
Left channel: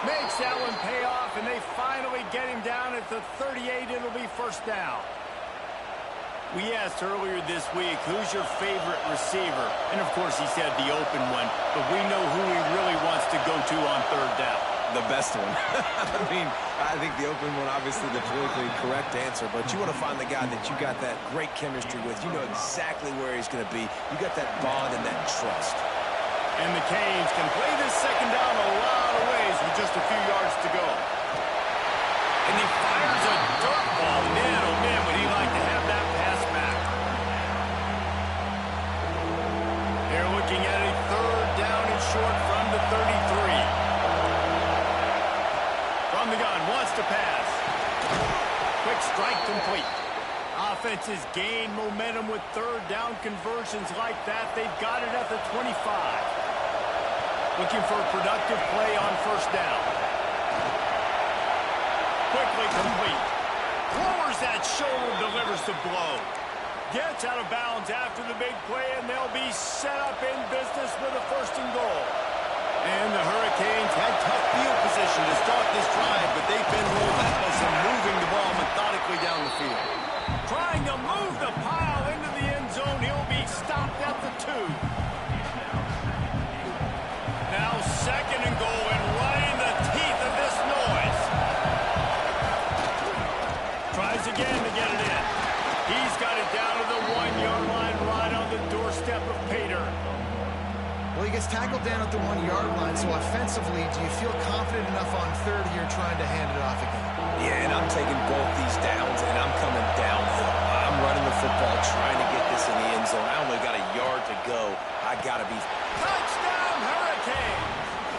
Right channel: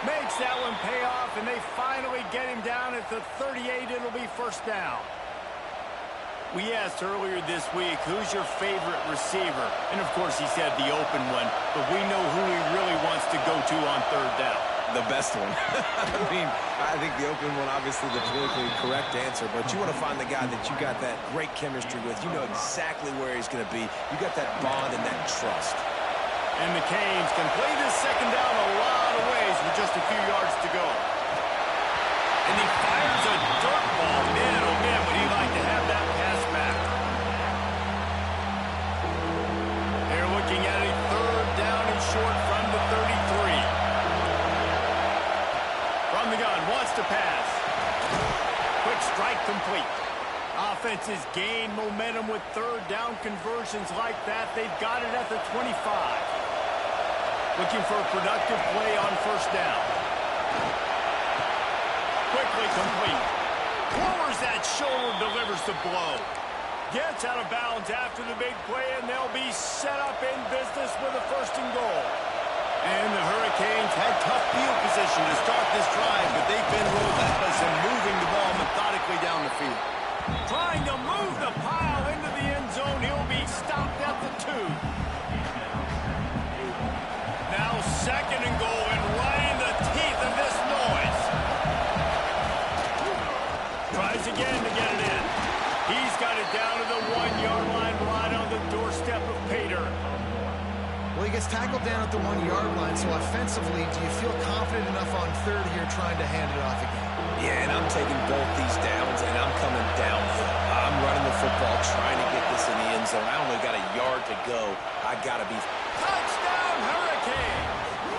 Makes that one pay off, and they finally get him down at the 38. It'll be first down. We asked earlier this week, who's your favorite receiver? And, of course, he said the open one, but we know who he really wants to go to on third down. The best one. I mean, I think the open one, obviously the politically correct answer, but you want to find the guy that you got that great chemistry with. You know exactly where he's going to be. You got that bond and that trust. And the Canes can play this second down a lot of ways with just a few yards to go. And he fires a dirt ball. Man, oh man, would he like to have that pass back. They're looking at a third down and short from the 33. From the gun, wants to pass. Quick strike complete. Offenses gain momentum with third down conversions like that. They've got it at the 25. Looking for a productive play on first down. Quickly complete. Lowers that shoulder, delivers the blow. Gets out of bounds after the big play, and they'll be set up in business with a first and goal. And the Hurricanes had tough field position to start this drive, but they've been relentless in moving the ball methodically down the field. Trying to move the pile into the end zone. He'll be stopped at the 2. Now second and goal, and right in the teeth of this noise. Tries again to get it in. He's got it down to the 1-yard line, right on the doorstep of Pater. Well, he gets tackled down at the 1-yard line, so offensively, do you feel confident enough on third here trying to hand it off again? Yeah, and I'm taking both these downs, and I'm coming downhill. I'm running the football, trying to get this in the end zone. I only got a yard to go. I got to be... Touchdown, Hurricanes!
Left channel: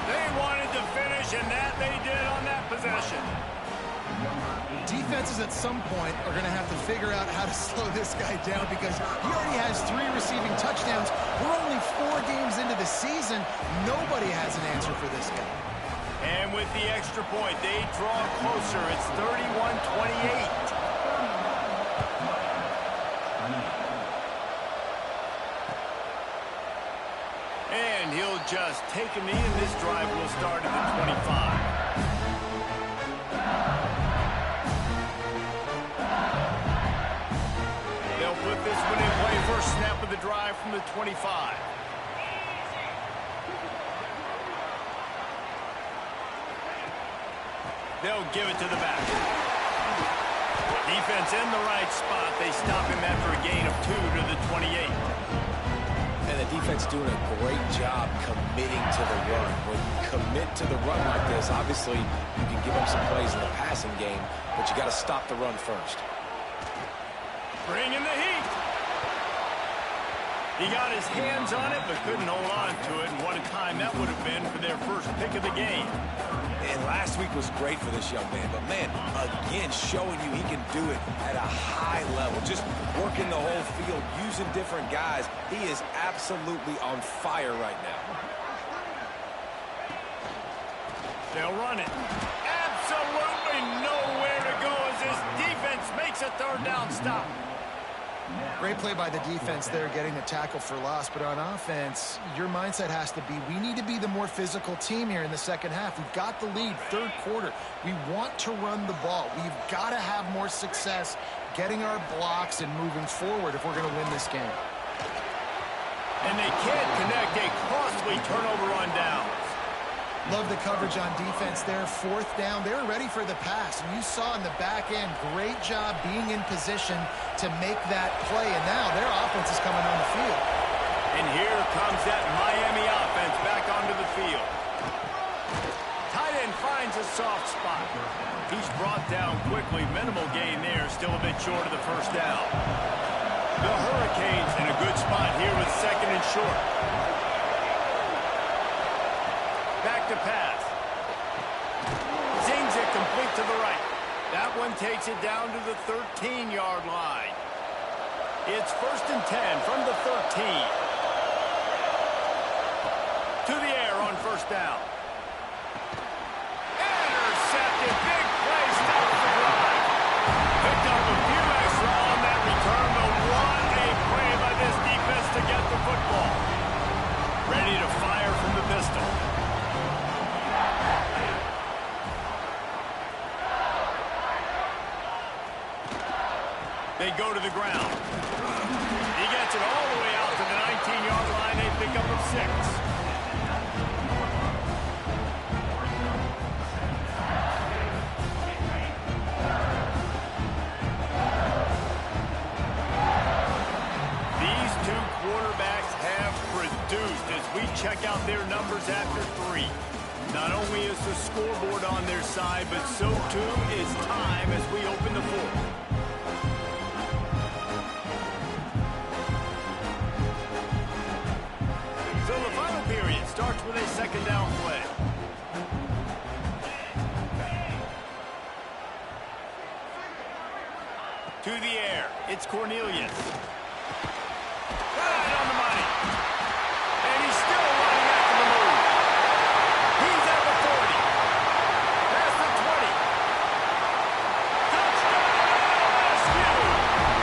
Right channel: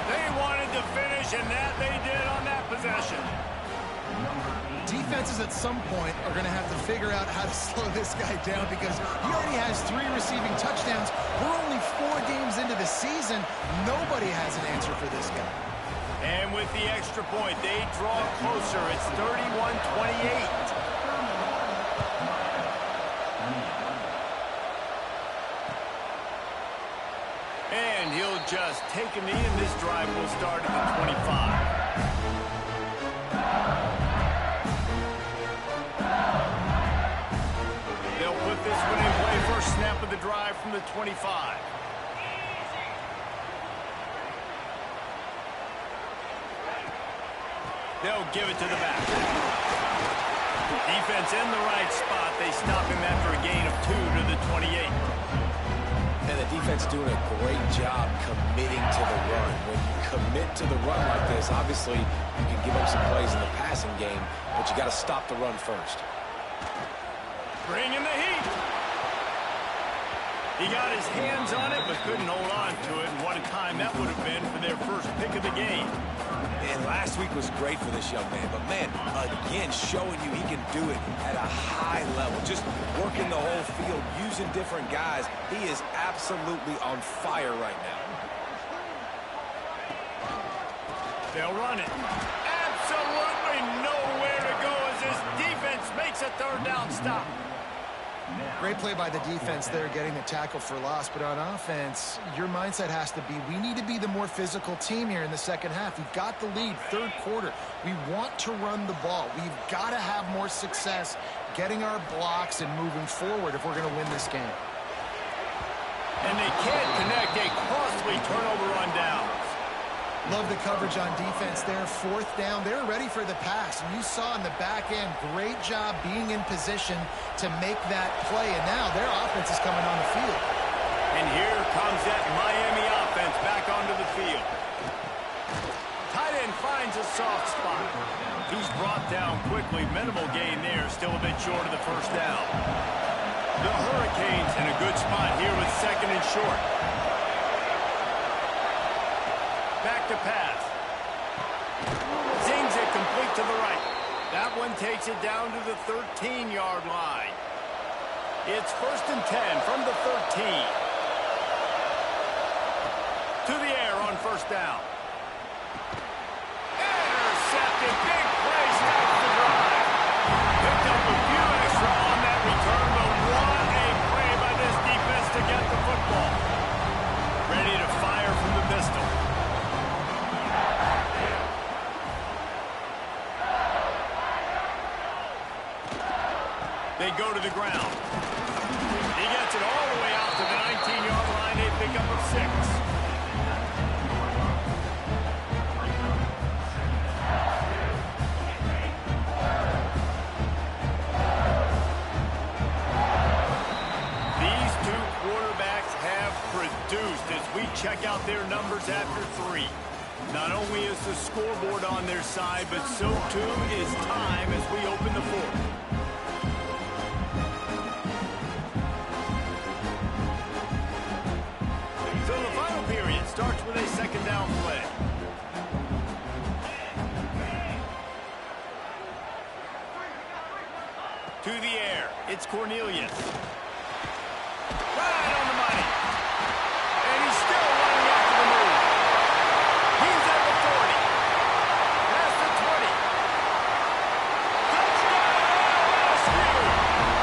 They wanted to finish, and that they did on that possession. Defenses at some point are going to have to figure out how to slow this guy down because he already has 3 receiving touchdowns. We're only 4 games into the season. Nobody has an answer for this guy. And with the extra point, they draw closer. It's 31-28. And he'll just take a knee, and this drive will start at the 25. They'll put this one in play. First snap of the drive from the 25. They'll give it to the back. Defense in the right spot. They stop him after a gain of 2 to the 28. And the defense doing a great job committing to the run. When you commit to the run like this, obviously you can give up some plays in the passing game, but you got to stop the run first. Bring in the heat. He got his hands on it, but couldn't hold on to it. And what a time that would have been for their first pick of the game. And last week was great for this young man. But, man, again, showing you he can do it at a high level. Just working the whole field, using different guys. He is absolutely on fire right now. They'll run it. Absolutely nowhere to go as this defense makes a third down stop. Great play by the defense there, getting the tackle for loss. But on offense, your mindset has to be, we need to be the more physical team here in the second half. We've got the lead, third quarter. We want to run the ball. We've got to have more success getting our blocks and moving forward if we're going to win this game. And they can't connect a costly turnover on downs. Love the coverage on defense there. Fourth down, they're ready for the pass. And you saw in the back end, great job being in position to make that play. And now their offense is coming on the field. And here comes that Miami offense back onto the field. Tight end finds a soft spot. He's brought down quickly. Minimal gain there. Still a bit short of the first down. The Hurricanes in a good spot here with second and short. Back to pass. Zings it complete to the right. That one takes it down to the 13-yard line. It's 1st and 10 from the 13. To the air on first down. Intercepted. Big play. Stops the drive. Picked up a few extra on that return, but what a play by this defense to get the football. Ready to fire from the pistol. They go to the ground. He gets it all the way out to the 19-yard line. A pickup of 6. These two quarterbacks have produced as we check out their numbers after 3. Not only is the scoreboard on their side, but so too is time as we open the fourth. So the final period starts with a second down play. To the air, it's Cornelius. Right on the money. And he's still running after the move. He's at the 40. Past the 20. Touchdown LSU!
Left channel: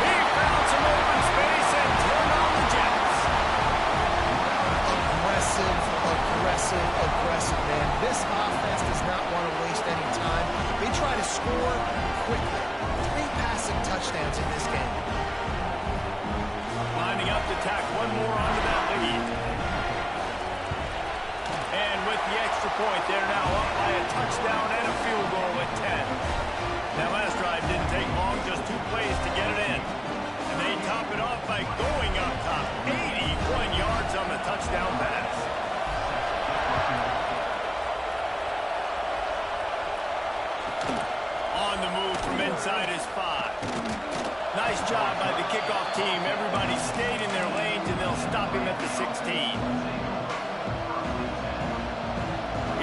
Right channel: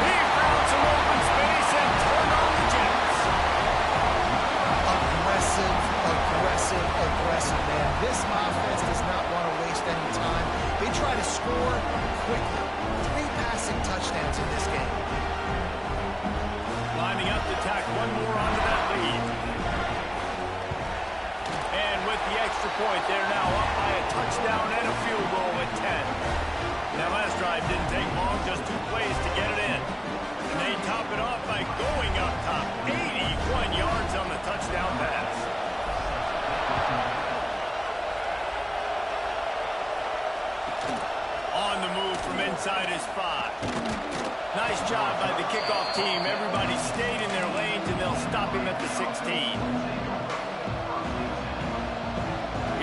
He found some open space and turned on the Jets. Aggressive, man. This offense does not want to waste any time. They try to score quickly. 3 passing touchdowns in this game. Lining up to tack one more onto that lead. And with the extra point, they're now up by a touchdown and a field goal at 10. That last drive didn't take long, just 2 plays to get it in. And they top it off by going up top. 81 yards on the touchdown pass. On the move from inside his 5. Nice job by the kickoff team. Everybody stayed in their lanes, and they'll stop him at the 16.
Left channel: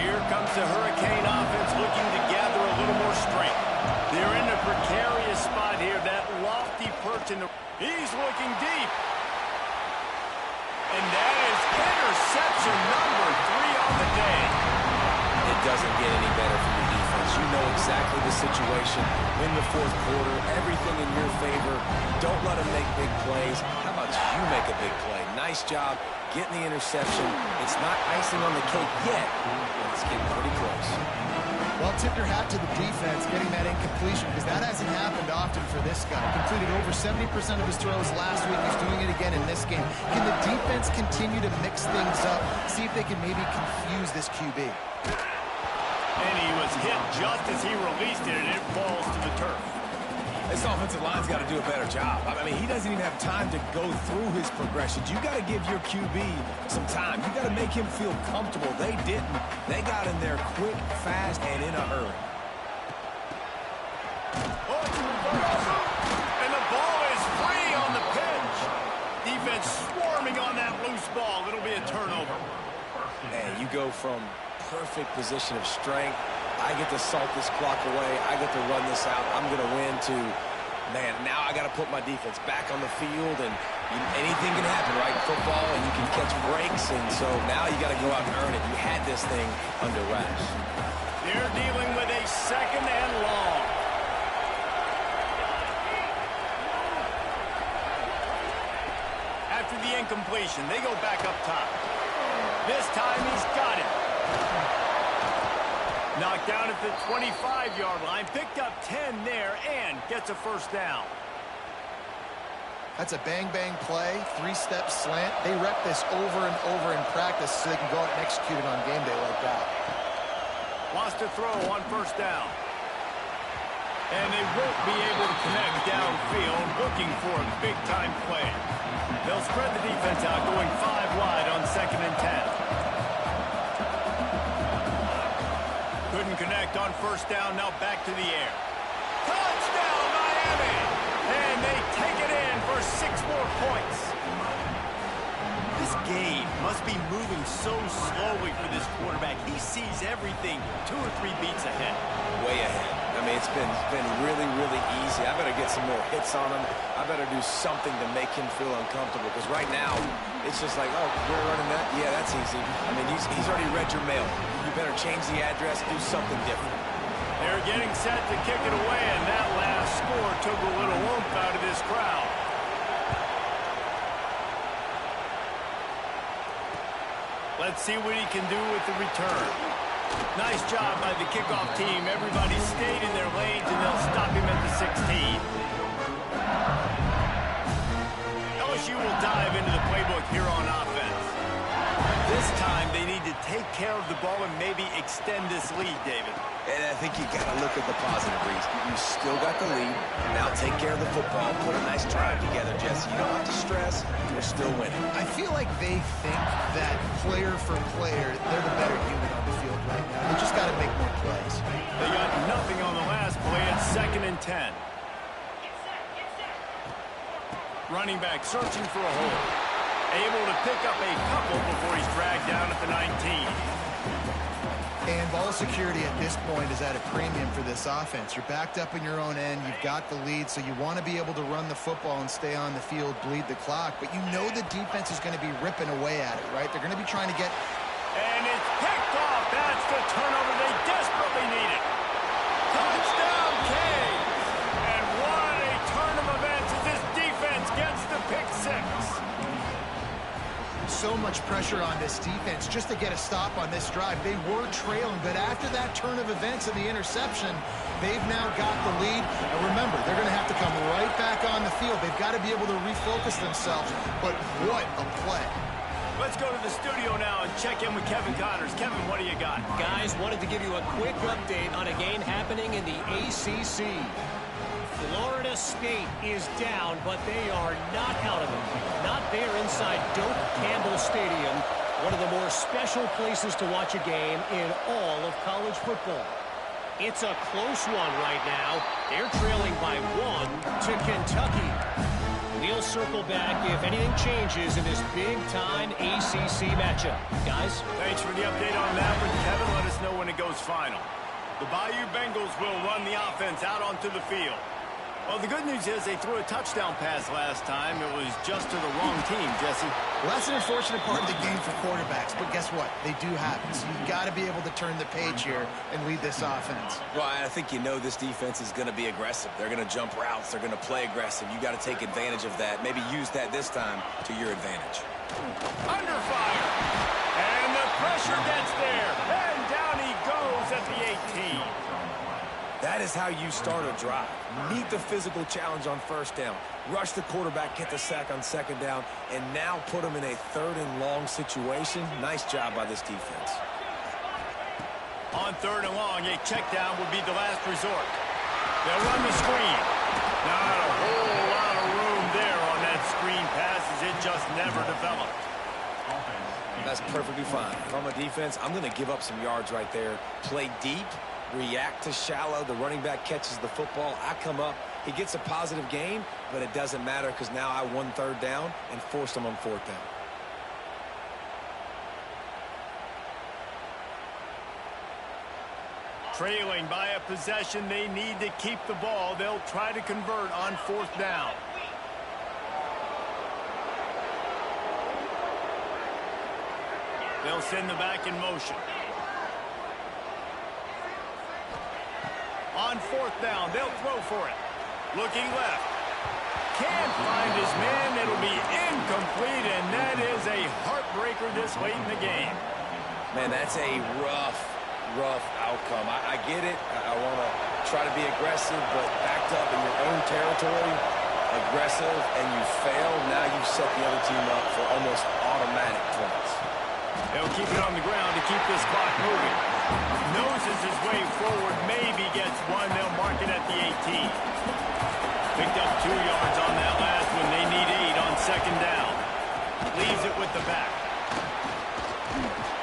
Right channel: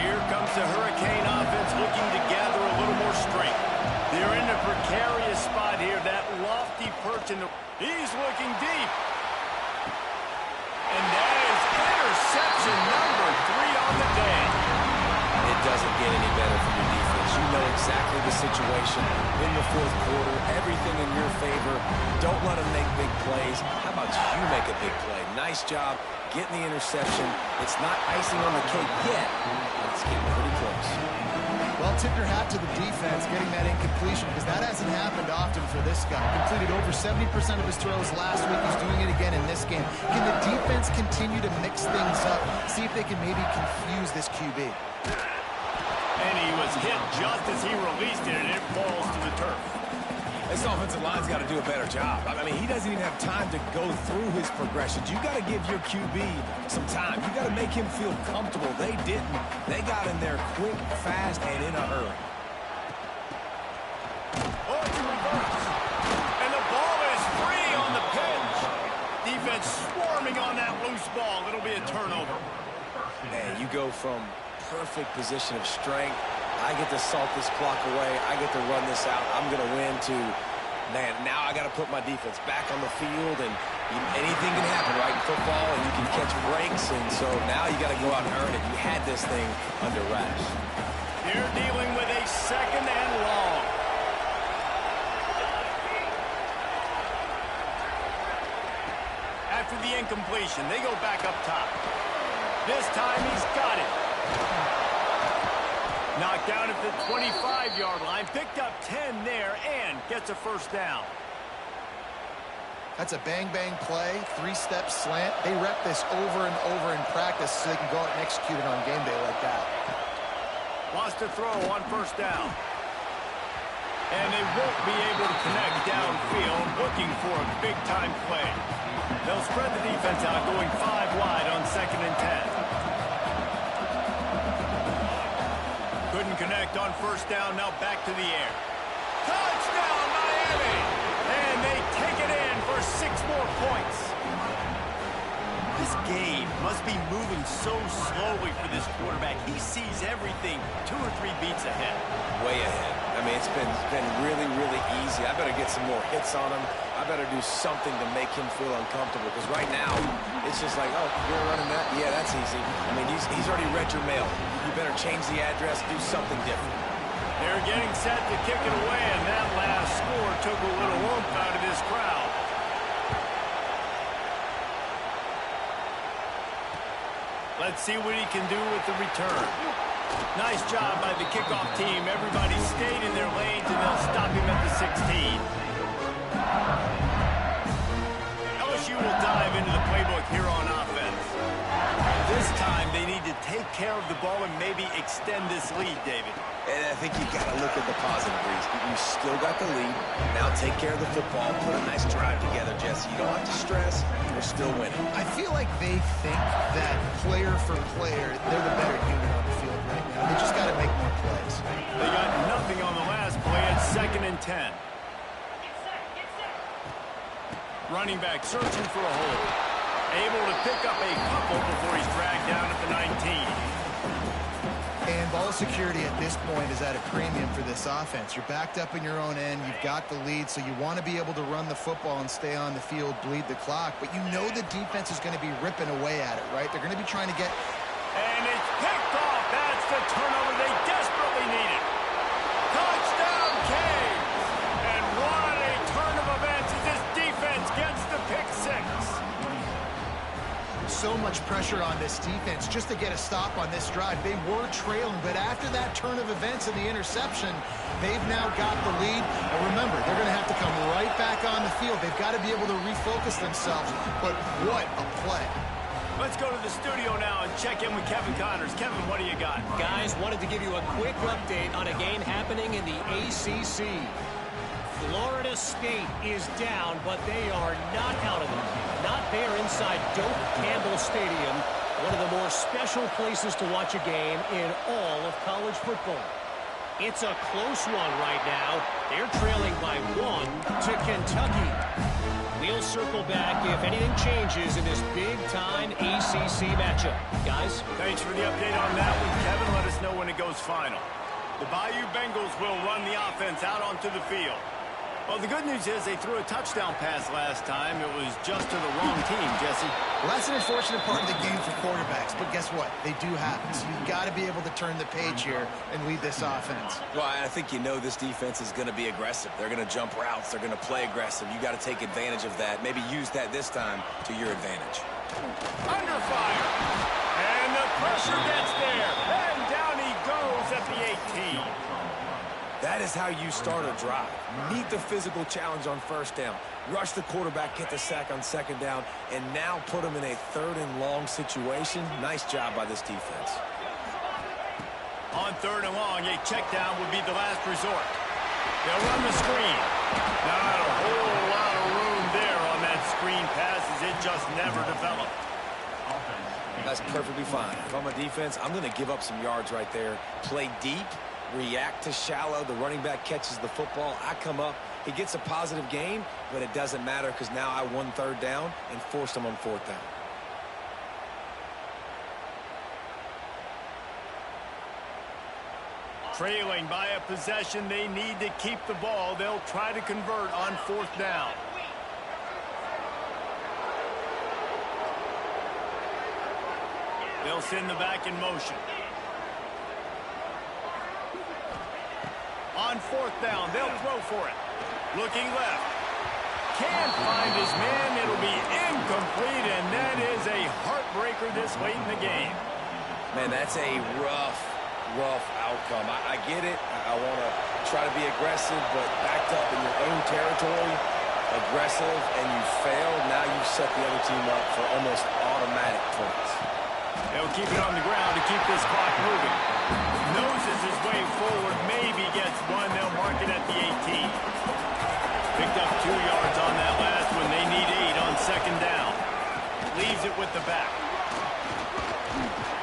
Here comes the Hurricane offense looking to gather a little more strength. They're in a precarious spot here. That lofty perch in the... He's looking deep. And that is interception number 3 on the day. It doesn't get any better for your defense. You know exactly the situation in the fourth quarter. Everything in your favor. Don't let them make big plays. How about you make a big play? Nice job getting the interception. It's not icing on the cake yet, but it's getting pretty close. Well, tip your hat to the defense getting that incompletion, because that hasn't happened often for this guy. Completed over 70% of his throws last week. He's doing it again in this game. Can the defense continue to mix things up? See if they can maybe confuse this QB. And he was hit just as he released it, and it falls to the turf. This offensive line's got to do a better job. I mean, he doesn't even have time to go through his progressions. You got to give your QB some time. You got to make him feel comfortable. They didn't. They got in there quick, fast, and in a hurry. Oh, it's a reverse. And the ball is free on the pitch. Defense swarming on that loose ball. It'll be a turnover. Man, you go from perfect position of strength I get to salt this clock away. I get to run this out. I'm going to win to, man, now I got to put my defense back on the field, and anything can happen, right, in football, and you can catch breaks, and so now you got to go out and earn it. You had this thing under wraps. They're dealing with a 2nd and long. After the incompletion, they go back up top. This time he's got it. Knocked down at the 25-yard line, picked up 10 there, and gets a first down. That's a bang-bang play, 3-step slant. They rep this over and over in practice so they can go out and execute it on game day like that. Wants to throw on first down. And they won't be able to connect downfield, looking for a big-time play. They'll spread the defense out, going 5 wide on 2nd and 10. Couldn't connect on first down, now back to the air. Touchdown, Miami! And they take it in for 6 more points. This game must be moving so slowly for this quarterback. He sees everything 2 or 3 beats ahead. Way ahead. I mean, it's been really, really easy. I better get some more hits on him. I better do something to make him feel uncomfortable, because right now it's just like, oh, we're running that? Yeah, that's easy. I mean, he's already read your mail. You better change the address, do something different. They're getting set to kick it away, and that last score took a little oomph out of this crowd. Let's see what he can do with the return. Nice job by the kickoff team. Everybody stayed in their lanes, and they'll stop him at the 16. LSU will dive into the playbook here on offense. This time, they need to take care of the ball and maybe extend this lead, David. And I think you got to look at the positive, Reese. You still got the lead. Now take care of the football. Put a nice drive together, Jesse. You don't have to stress. We're still winning. I feel like they think that player for player, they're the better unit on the field right now. They just got to make more plays. They got nothing on the last play at 2nd and 10. Running back searching for a hole. Able to pick up a couple before he's dragged down at the 19. And ball security at this point is at a premium for this offense. You're backed up in your own end. You've got the lead, so you want to be able to run the football and stay on the field, bleed the clock. But you know the defense is going to be ripping away at it, right? They're going to be trying to get... And it's picked off. That's the turnover they desperately needed. Touchdown, Canes! And what a turn of events as this defense gets the pick 6. So much pressure on this defense just to get a stop on this drive. They were trailing, but after that turn of events and the interception, they've now got the lead. And remember, they're going to have to come right back on the field. They've got to be able to refocus themselves. But what a play. Let's go to the studio now and check in with Kevin Connors. Kevin, what do you got? Guys, wanted to give you a quick update on a game happening in the ACC. Florida State is down, but they are not out of it. Not there inside Doak Campbell Stadium, one of the more special places to watch a game in all of college football. It's a close one right now. They're trailing by 1 to Kentucky. We'll circle back if anything changes in this big-time ACC matchup. Guys? Thanks for the update on that one, Kevin. Let us know when it goes final. The Bayou Bengals will run the offense out onto the field. Well, the good news is they threw a touchdown pass last time. It was just to the wrong team, Jesse. Well, that's an unfortunate part of the game for quarterbacks, but guess what? They do happen. So you've got to be able to turn the page here and lead this offense. Well, I think you know this defense is going to be aggressive. They're going to jump routes. They're going to play aggressive. You got to take advantage of that. Maybe use that this time to your advantage. Under fire. And the pressure gets there. And down he goes at the 18. That is how you start a drive. Meet the physical challenge on first down. Rush the quarterback, get the sack on second down, and now put him in a 3rd and long situation. Nice job by this defense. On 3rd and long, a check down would be the last resort. They'll run the screen. Not a whole lot of room there on that screen pass as it just never developed. That's perfectly fine. If I'm a defense, I'm going to give up some yards right there. Play deep. React to shallow. The running back catches the football. I come up. He gets a positive gain, but it doesn't matter because now I won 3rd down and forced him on 4th down. Trailing by a possession, they need to keep the ball. They'll try to convert on 4th down. They'll send the back in motion. On 4th down, they'll throw for it. Looking left. Can't find his man. It'll be incomplete, and that is a heartbreaker this late in the game. Man, that's a rough outcome. I get it. I want to try to be aggressive, but backed up in your own territory, aggressive, and you fail. Now you've set the other team up for almost automatic points. They'll keep it on the ground to keep this clock moving. Noses his way forward, maybe gets one. They'll mark it at the 18. Picked up 2 yards on that last one. They need 8 on 2nd down. Leaves it with the back.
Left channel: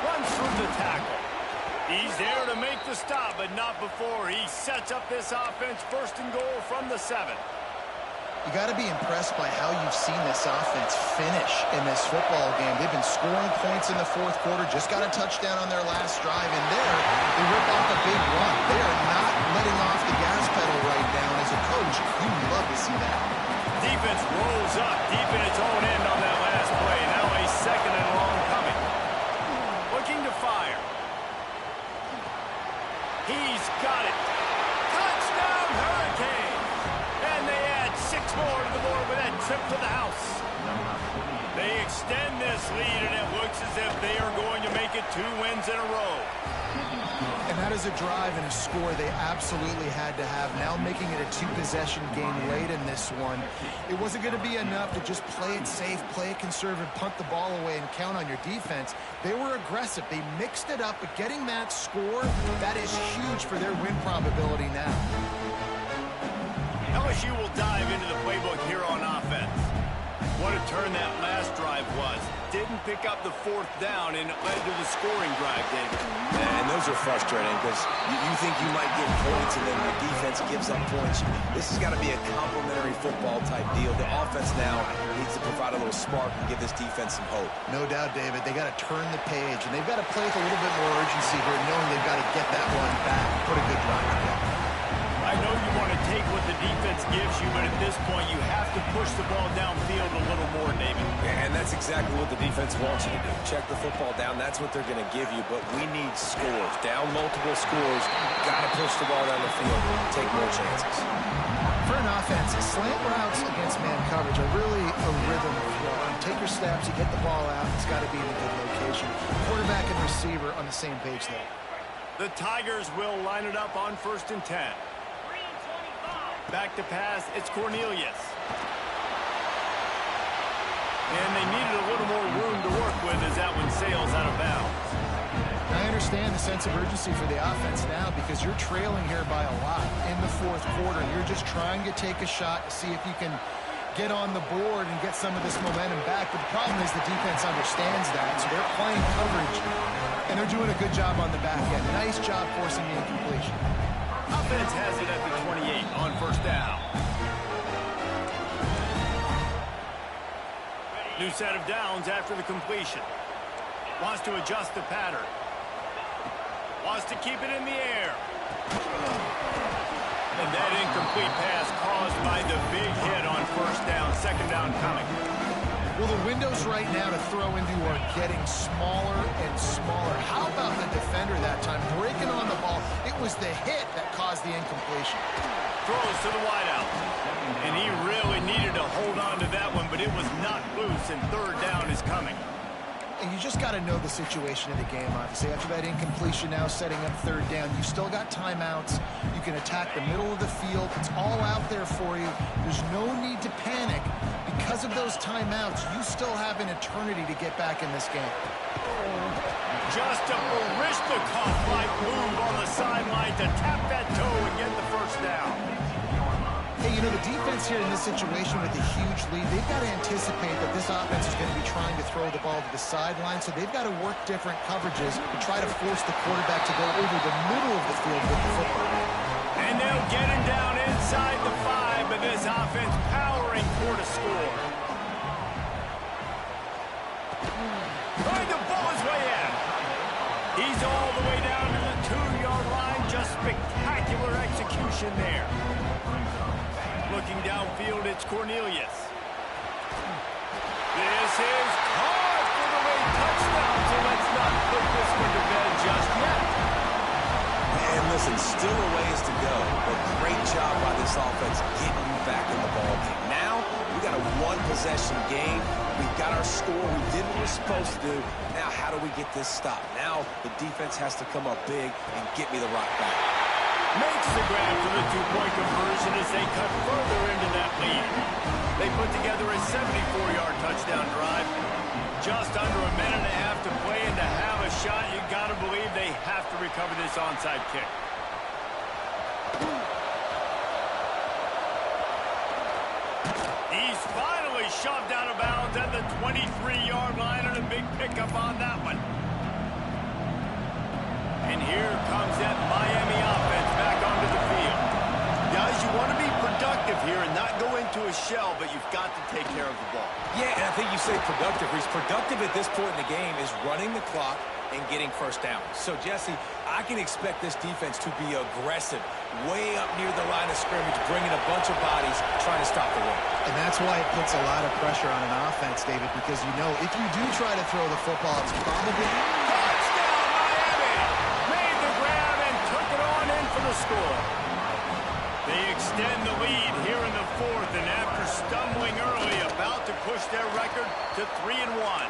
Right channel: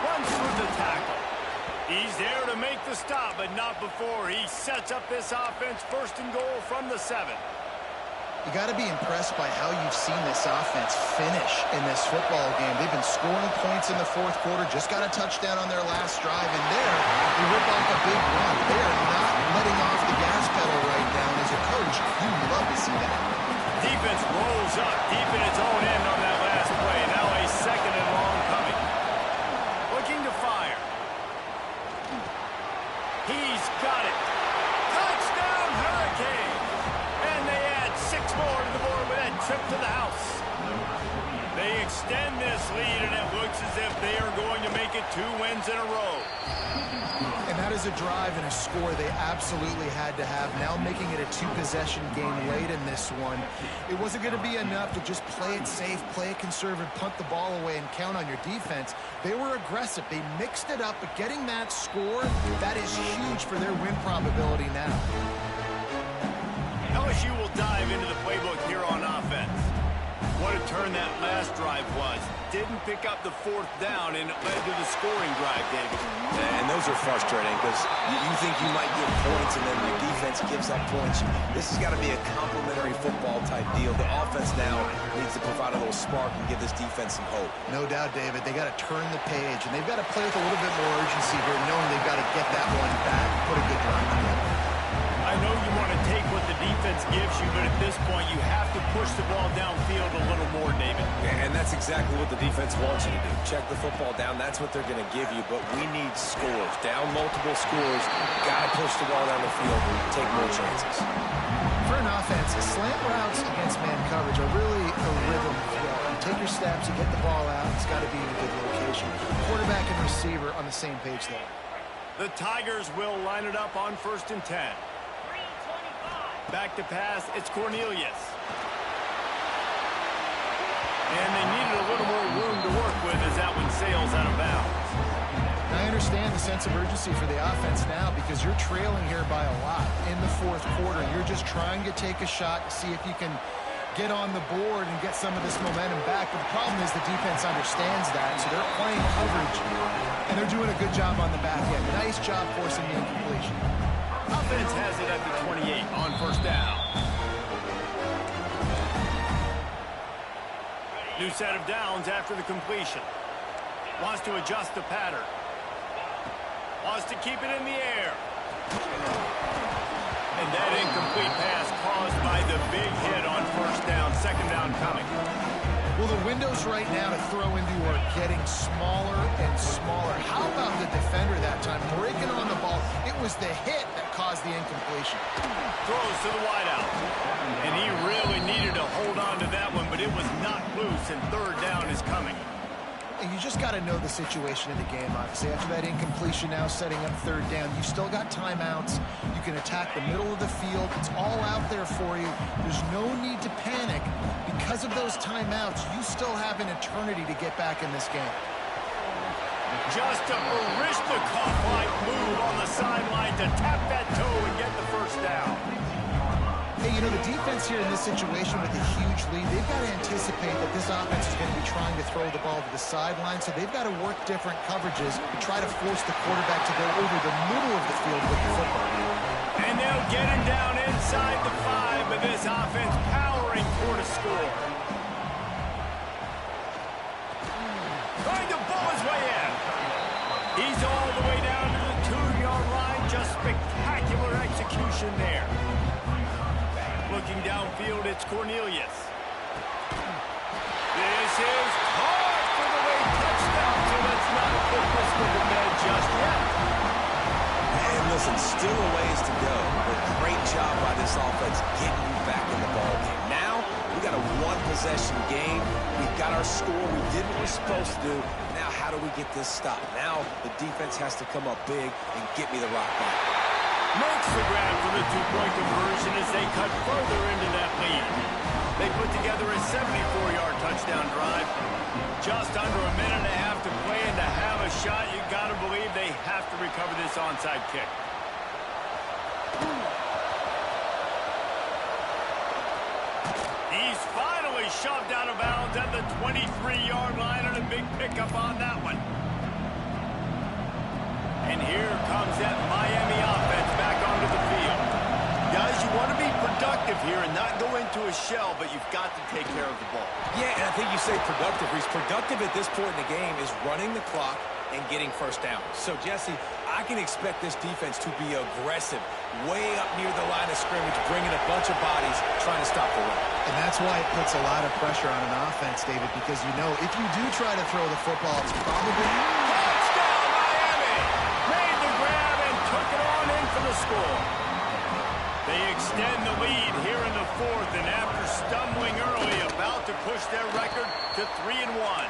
Runs through the tackle. He's there to make the stop, but not before. He sets up this offense 1st and goal from the 7. You got to be impressed by how you've seen this offense finish in this football game. They've been scoring points in the 4th quarter, just got a touchdown on their last drive, and there they rip off a big run. They are not letting off the gas pedal right now, and as a coach, you love to see that. Defense rolls up deep in its own end on that last play. Now a 2nd and long coming. Looking to fire. He's got it. Touchdown, Hurricanes! And they add 6 more to the board with that trip to the house. They extend this lead, and it looks as if they are going to make it 2 wins in a row. And that is a drive and a score they absolutely had to have. Now making it a 2-possession game late in this one. It wasn't going to be enough to just play it safe, play it conservative, punt the ball away, and count on your defense. They were aggressive. They mixed it up, but getting that score, that is huge for their win probability now. LSU will dive into the playbook here on offense. What a turn that last drive was. Didn't pick up the 4th down, and it led to the scoring drive, David. And those are frustrating because you think you might get points, and then your defense gives up points. This has got to be a complementary football type deal. The offense now needs to provide a little spark and give this defense some hope. No doubt, David. They got to turn the page, and they've got to play with a little bit more urgency here, knowing they've got to get that one back and put a good drive together. I know you want to take what the defense gives you, but at this point, you have to push the ball downfield a little more, David. And that's exactly what the defense wants you to do. Check the football down. That's what they're going to give you, but we need scores. Down multiple scores, got to push the ball down the field, take more chances. For an offense, slant routes against man coverage are really a rhythm throw. You take your steps, you get the ball out, it's got to be in a good location. Quarterback and receiver on the same page there. The Tigers will line it up on 1st and 10. Back to pass, it's Cornelius. And they needed a little more room to work with as that one sails out of bounds. I understand the sense of urgency for the offense now because you're trailing here by a lot in the 4th quarter, and you're just trying to take a shot to see if you can get on the board and get some of this momentum back. But the problem is the defense understands that, so they're playing coverage, and they're doing a good job on the back end. Nice job forcing the incompletion. Offense has it at the 28 on 1st down. New set of downs after the completion. Wants to adjust the pattern. Wants to keep it in the air. And that incomplete pass caused by the big hit on 1st down. 2nd down coming. Well, the windows right now to throw into are getting smaller and smaller. How about the defender that time breaking on the ball? It was the hit that caused the incompletion. Throws to the wideout. And he really needed to hold on to that one, but it was not loose, and 3rd down is coming. And you just got to know the situation of the game, obviously. After that incompletion now setting up 3rd down, you still got timeouts. You can attack the middle of the field. It's all out there for you. There's no need to panic. Because of those timeouts, you still have an eternity to get back in this game. Just a Barishnikov-like move on the sideline to tap that toe and get the 1st down. Hey, you know, the defense here in this situation with a huge lead, they've got to anticipate that this offense is going to be trying to throw the ball to the sideline, so they've got to work different coverages to try to force the quarterback to go over the middle of the field with the football. And they'll get him down inside the 5, but this offense powering toward a score. Trying to ball his way in. He's all the way down to the 2-yard line, just spectacular execution there. Looking downfield, it's Cornelius. This is caught for the late touchdown, so let's not put this one to bed just yet. And listen, still a ways to go, but great job by this offense getting you back in the ball game. Now, we got a one-possession game. We've got our score. We did what we're supposed to do. Now, how do we get this stopped? Now, the defense has to come up big and get me the rock back. Makes the grab for the two-point conversion as they cut further into that lead. They put together a 74-yard touchdown drive. Just under a minute and a half to play, and to have a shot, you got to believe they have to recover this onside kick. He's finally shoved out of bounds at the 23-yard line, and a big pickup on that one. And here comes that Miami offense back onto the field. Guys, you want to be productive here and not go into a shell, but you've got to take care of the ball. Yeah, and I think you say productive. He's productive at this point in the game is running the clock and getting first down. So, Jesse, I can expect this defense to be aggressive, way up near the line of scrimmage, bringing a bunch of bodies, trying to stop the run. And that's why it puts a lot of pressure on an offense, David, because you know if you do try to throw the football, it's probably... Touchdown, Miami! Made the grab and took it on in for the score. They extend the lead here in the fourth, and after stumbling early, about to push their record to 3-1.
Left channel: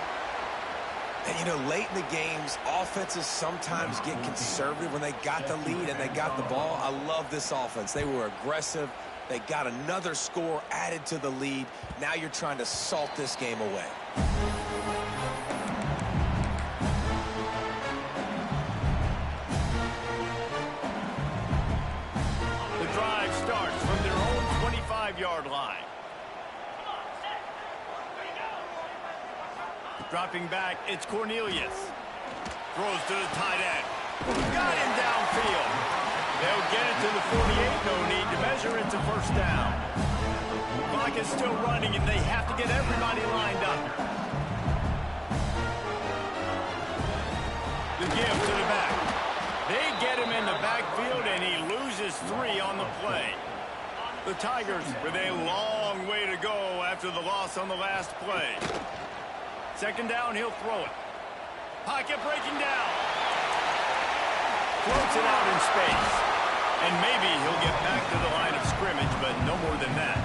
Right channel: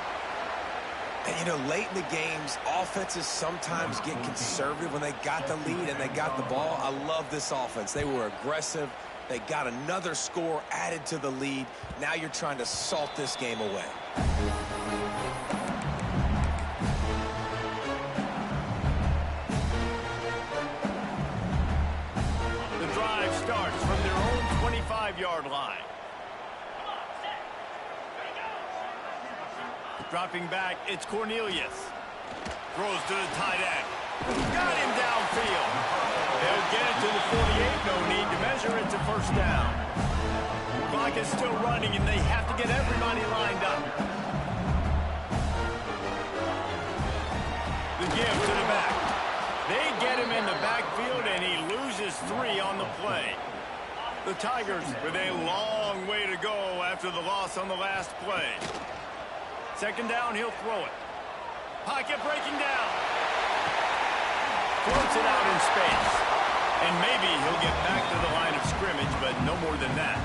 And, you know, late in the games, offenses sometimes get conservative when they got the lead and they got the ball. I love this offense. They were aggressive. They got another score added to the lead. Now you're trying to salt this game away. The drive starts from their own 25-yard line. Dropping back, it's Cornelius. Throws to the tight end. Got him downfield. They'll get it to the 48. No need to measure. It's a first down. Clock is still running, and they have to get everybody lined up. The give to the back. They get him in the backfield, and he loses 3 on the play. The Tigers with a long way to go after the loss on the last play. Second down, he'll throw it. Pocket breaking down. Floats it out in space. And maybe he'll get back to the line of scrimmage, but no more than that.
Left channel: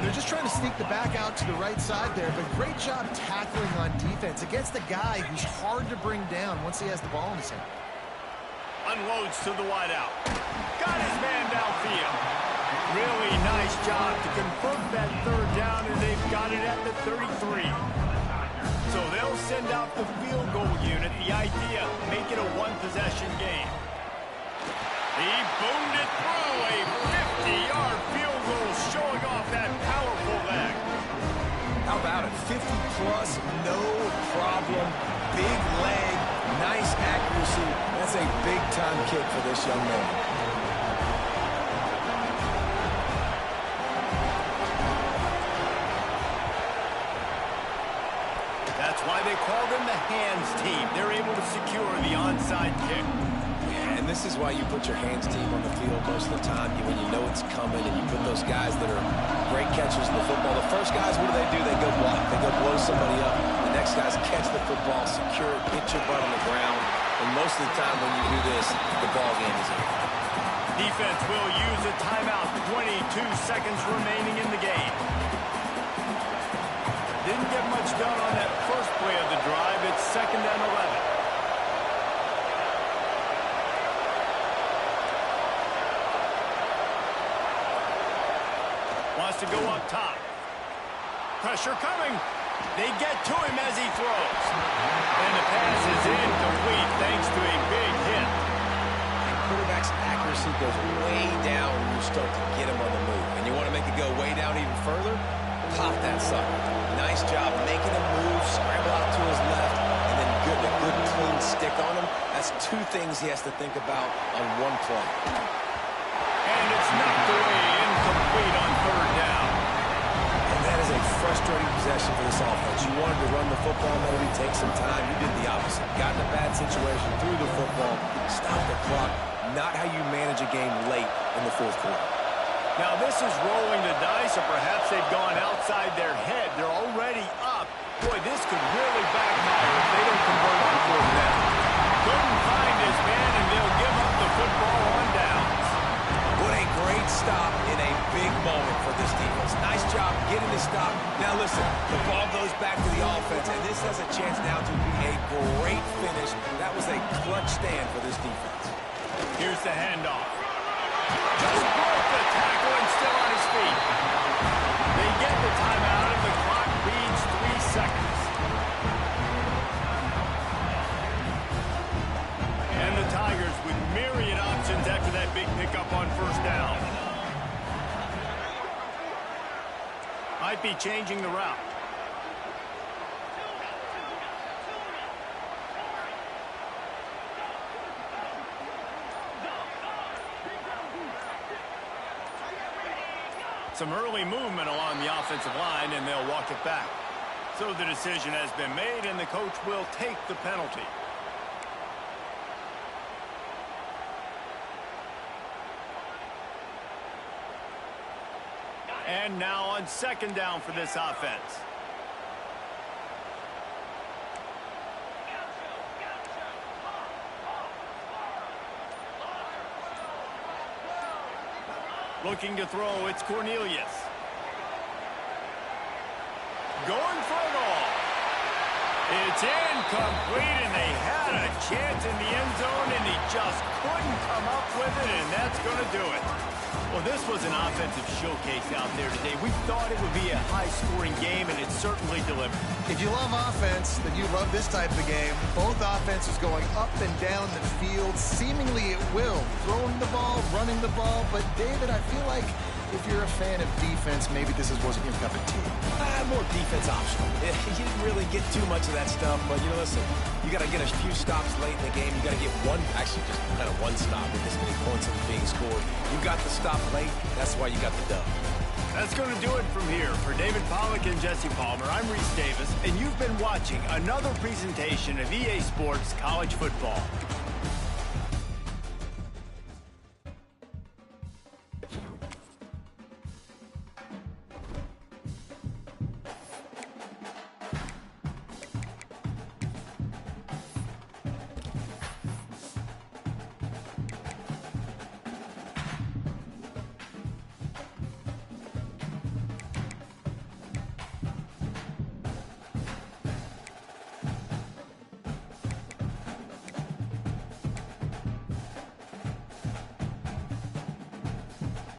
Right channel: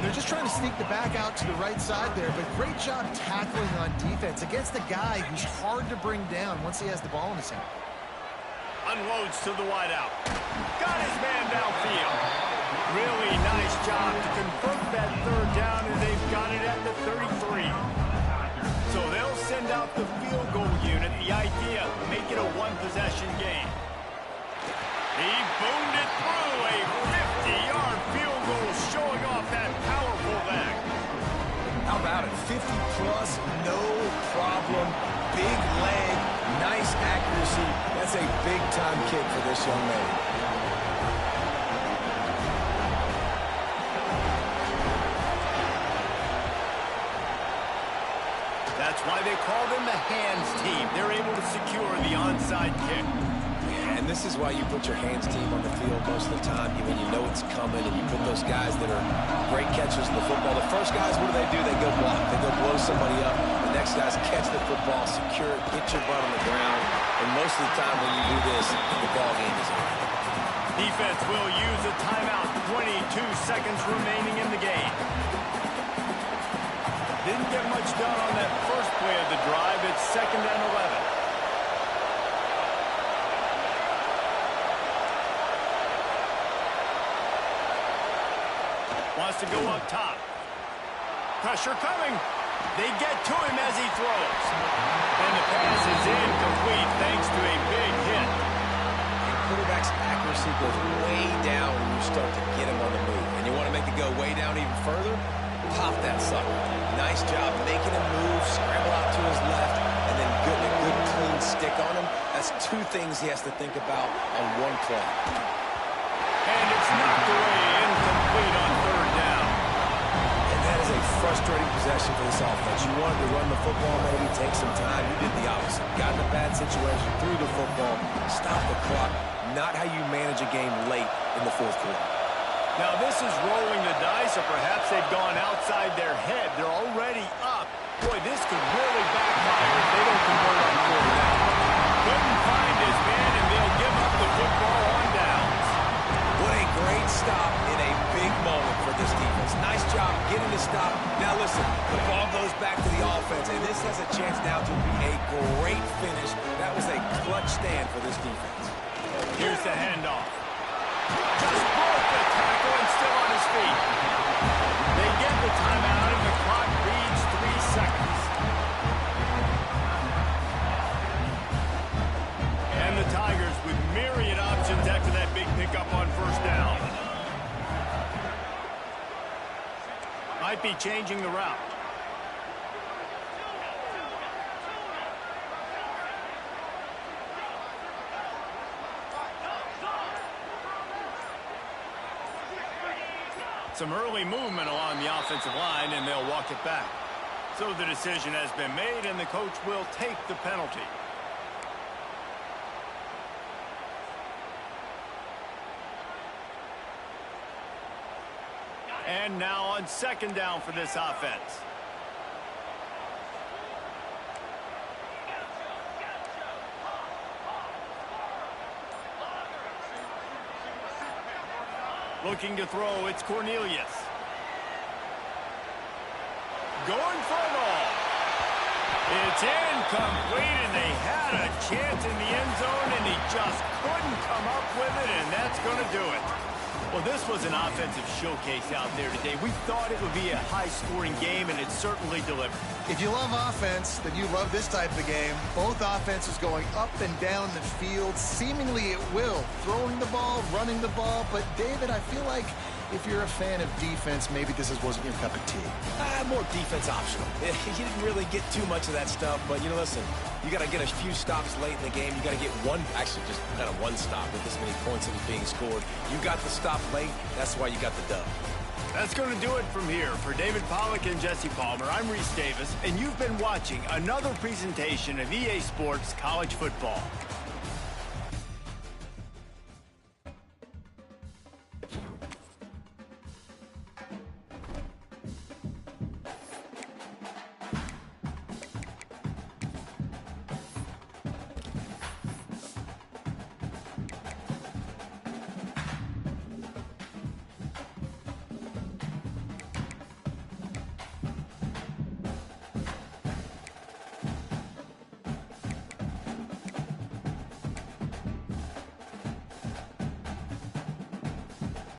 They're just trying to sneak the back out to the right side there, but great job tackling on defense against a guy who's hard to bring down once he has the ball in his hand. Unloads to the wideout. Got his man downfield. Really nice job to convert that third down, and they've got it at the 33. So they'll send out the field goal unit. The idea, make it a one-possession game. He boomed it through a 50-yard field goal, showing off that powerful leg. How about it? 50-plus, no problem. Big leg, nice accuracy. That's a big-time kick for this young man. That's why they call them the hands team. They're able to secure the onside kick. Yeah, and this is why you put your hands team on the field most of the time when you know it's coming, and you put those guys that are great catchers of the football. The first guys, what do? They go block. They go blow somebody up. The next guys catch the football, secure it, get your butt on the ground. And most of the time when you do this, the ball game is over. Defense will use a timeout. 22 seconds remaining in the game. Didn't get much done on that first play of the drive. It's 2nd and 11. Wants to go up top. Pressure coming. They get to him as he throws. And the pass is incomplete thanks to a big hit. And quarterback's accuracy goes way down when you start to get him on the move. And you want to make it go way down even further? Pop that sucker. Nice job making him move, scramble out to his left, and then getting a good clean stick on him. That's 2 things he has to think about on one play. And it's knocked away, incomplete on 3rd down. And that is a frustrating possession for this offense. You wanted to run the football, maybe take some time. You did the opposite. Got in a bad situation, threw the football, stopped the clock. Not how you manage a game late in the fourth quarter. Now this is rolling the dice, or perhaps they've gone outside their head. They're already up. Boy, this could really backfire if they don't convert on fourth down. Couldn't find his man, and they'll give up the football on downs. What a great stop in a big moment for this defense. Nice job getting the stop. Now listen, the ball goes back to the offense, and this has a chance now to be a great finish. That was a clutch stand for this defense. Here's the handoff. Just broke the tackle and still on his feet. They get the timeout, and the clock reads 3 seconds. And the Tigers with myriad options after that big pickup on first down. Might be changing the route. Some early movement along the offensive line, and they'll walk it back. So the decision has been made, and the coach will take the penalty. And now on second down for this offense. Looking to throw, it's Cornelius. Going for it all. It's incomplete, and they had a chance in the end zone, and he just couldn't come up with it, and that's going to do it. Well, this was an offensive showcase out there today. We thought it would be a high-scoring game, and it certainly delivered. If you love offense, then you love this type of game. Both offenses going up and down the field, seemingly at will. Throwing the ball, running the ball. But, David, I feel like if you're a fan of defense, maybe this wasn't your cup of tea. More defense optional. You didn't really get too much of that stuff, but, you know, listen, you got to get a few stops late in the game. You got to get just kind of one stop with this many points that was being scored. You got the stop late. That's why you got the dub. That's going to do it from here. For David Pollack and Jesse Palmer, I'm Reese Davis, and you've been watching another presentation of EA Sports College Football.